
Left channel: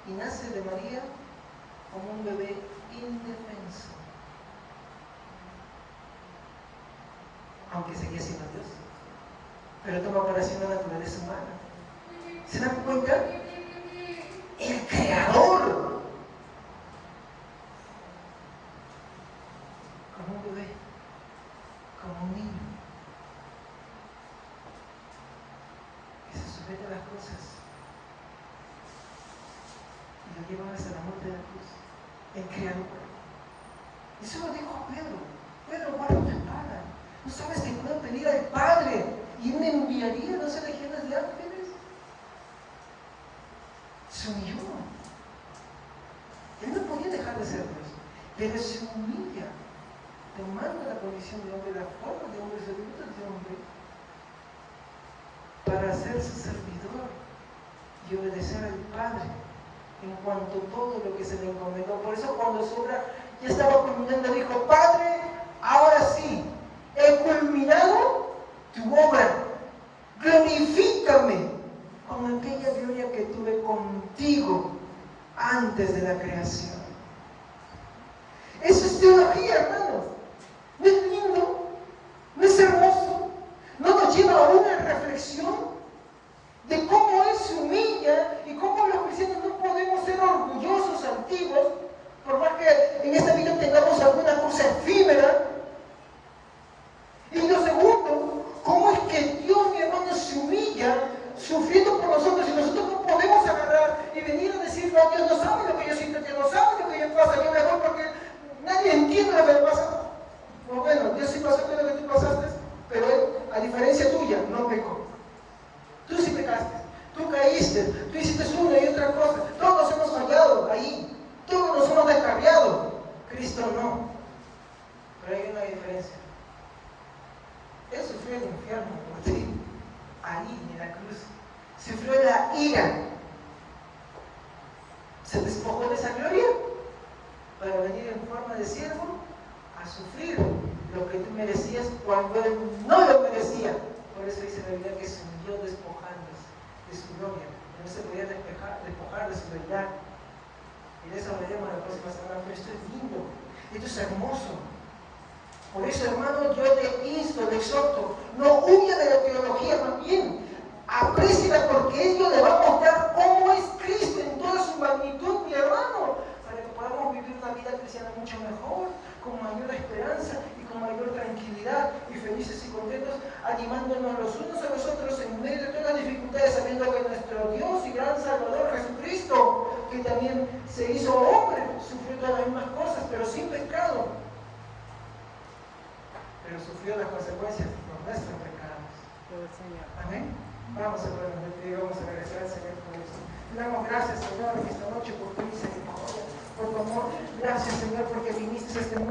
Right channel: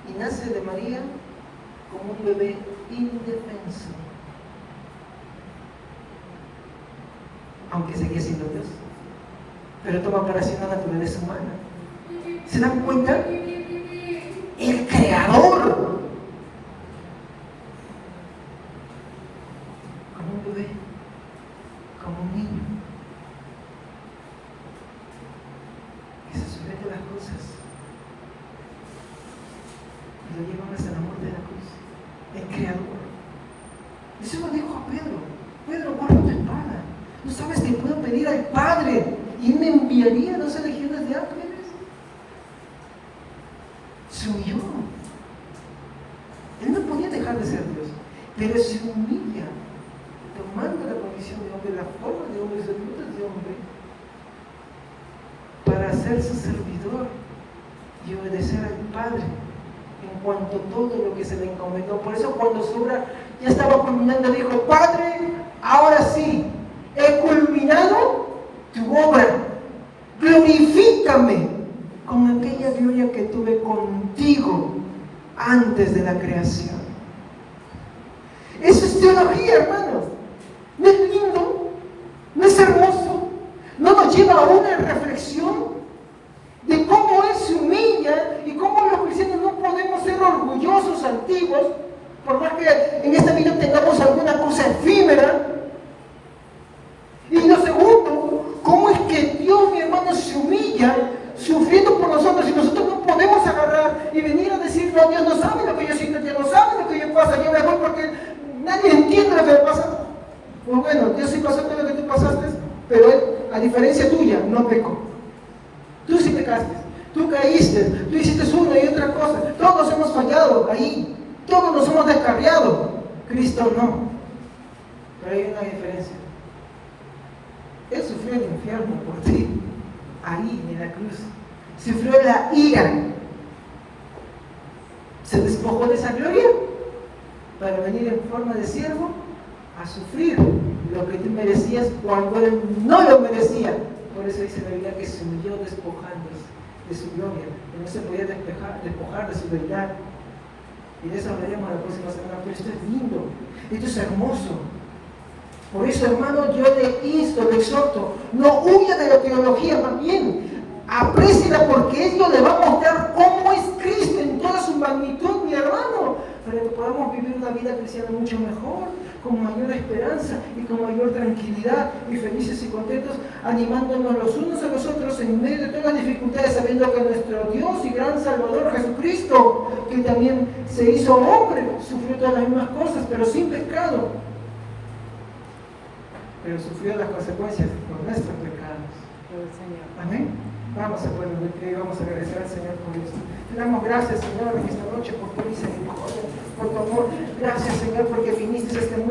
y nace de María como un bebé indefenso? Aunque sigue siendo Dios, pero toma para sí una naturaleza humana. ¿Se dan cuenta? El creador, como un bebé, como un niño. ¿No sabes que puedo pedir al Padre y me enviaría 12 legiones de ángeles? Se humilló. Él no podía dejar de ser Dios, pero se humilla, tomando la condición de hombre, la forma de hombre, de hombre, para ser su servidor y obedecer al Padre en cuanto a todo lo que se le encomendó. Por eso cuando su obra ya estaba culminando, dijo: Padre, ahora sí, he culminado tu obra, glorifícame con aquella gloria que tuve contigo antes de la creación. Eso es teología, hermanos. ¿No es lindo? ¿No es hermoso? ¿No nos lleva a una reflexión de cómo Él se humilla y cómo los cristianos no podemos ser orgullosos, altivos, por más que en esta vida tengamos alguna cosa efímera? Y lo segundo, ¿cómo es que Dios, mi hermano, se humilla sufriendo por nosotros y nosotros no podemos agarrar y venir a decirle a Dios: no sabe lo que yo siento, Dios no sabe lo que yo pasa, yo me voy porque nadie entiende lo que me pasa? Pues bueno, Dios sí pasó por lo que tú pasaste, pero Él, a diferencia tuya, no pecó. Tú sí pecaste, tú caíste, tú hiciste una y otra cosa, todos nos hemos fallado ahí, todos nos hemos descarriado. Cristo no. Pero hay una diferencia. Él sufrió el infierno por ti, ahí en la cruz. Sufrió la ira. Se despojó de esa gloria para venir en forma de siervo a sufrir lo que tú merecías cuando Él no lo merecía. Por eso dice la Biblia que se humilló despojándose de su gloria, que no se podía despojar de su deidad. Y de eso hablaremos la próxima semana. Pero esto es lindo, esto es hermoso. Por eso, hermano, yo le insto, le exhorto: no huya de la teología, más bien apréciela, porque esto le va a mostrar cómo es Cristo en toda su magnitud, mi hermano, para que podamos vivir una vida cristiana mucho mejor, con mayor esperanza y con mayor tranquilidad, y felices y contentos, animándonos los unos a los otros en medio de todas las dificultades, sabiendo que nuestro Dios y gran Salvador Jesucristo, que también se hizo hombre, sufrió todas las mismas cosas, pero sin pecado, pero sufrió las consecuencias por nuestros pecados. Amén. Vamos a ponernos de pie y vamos a regresar al Señor con esto. Te damos gracias, Señor, en esta noche por tu misericordia, por tu amor. Gracias, Señor, porque viniste a este mundo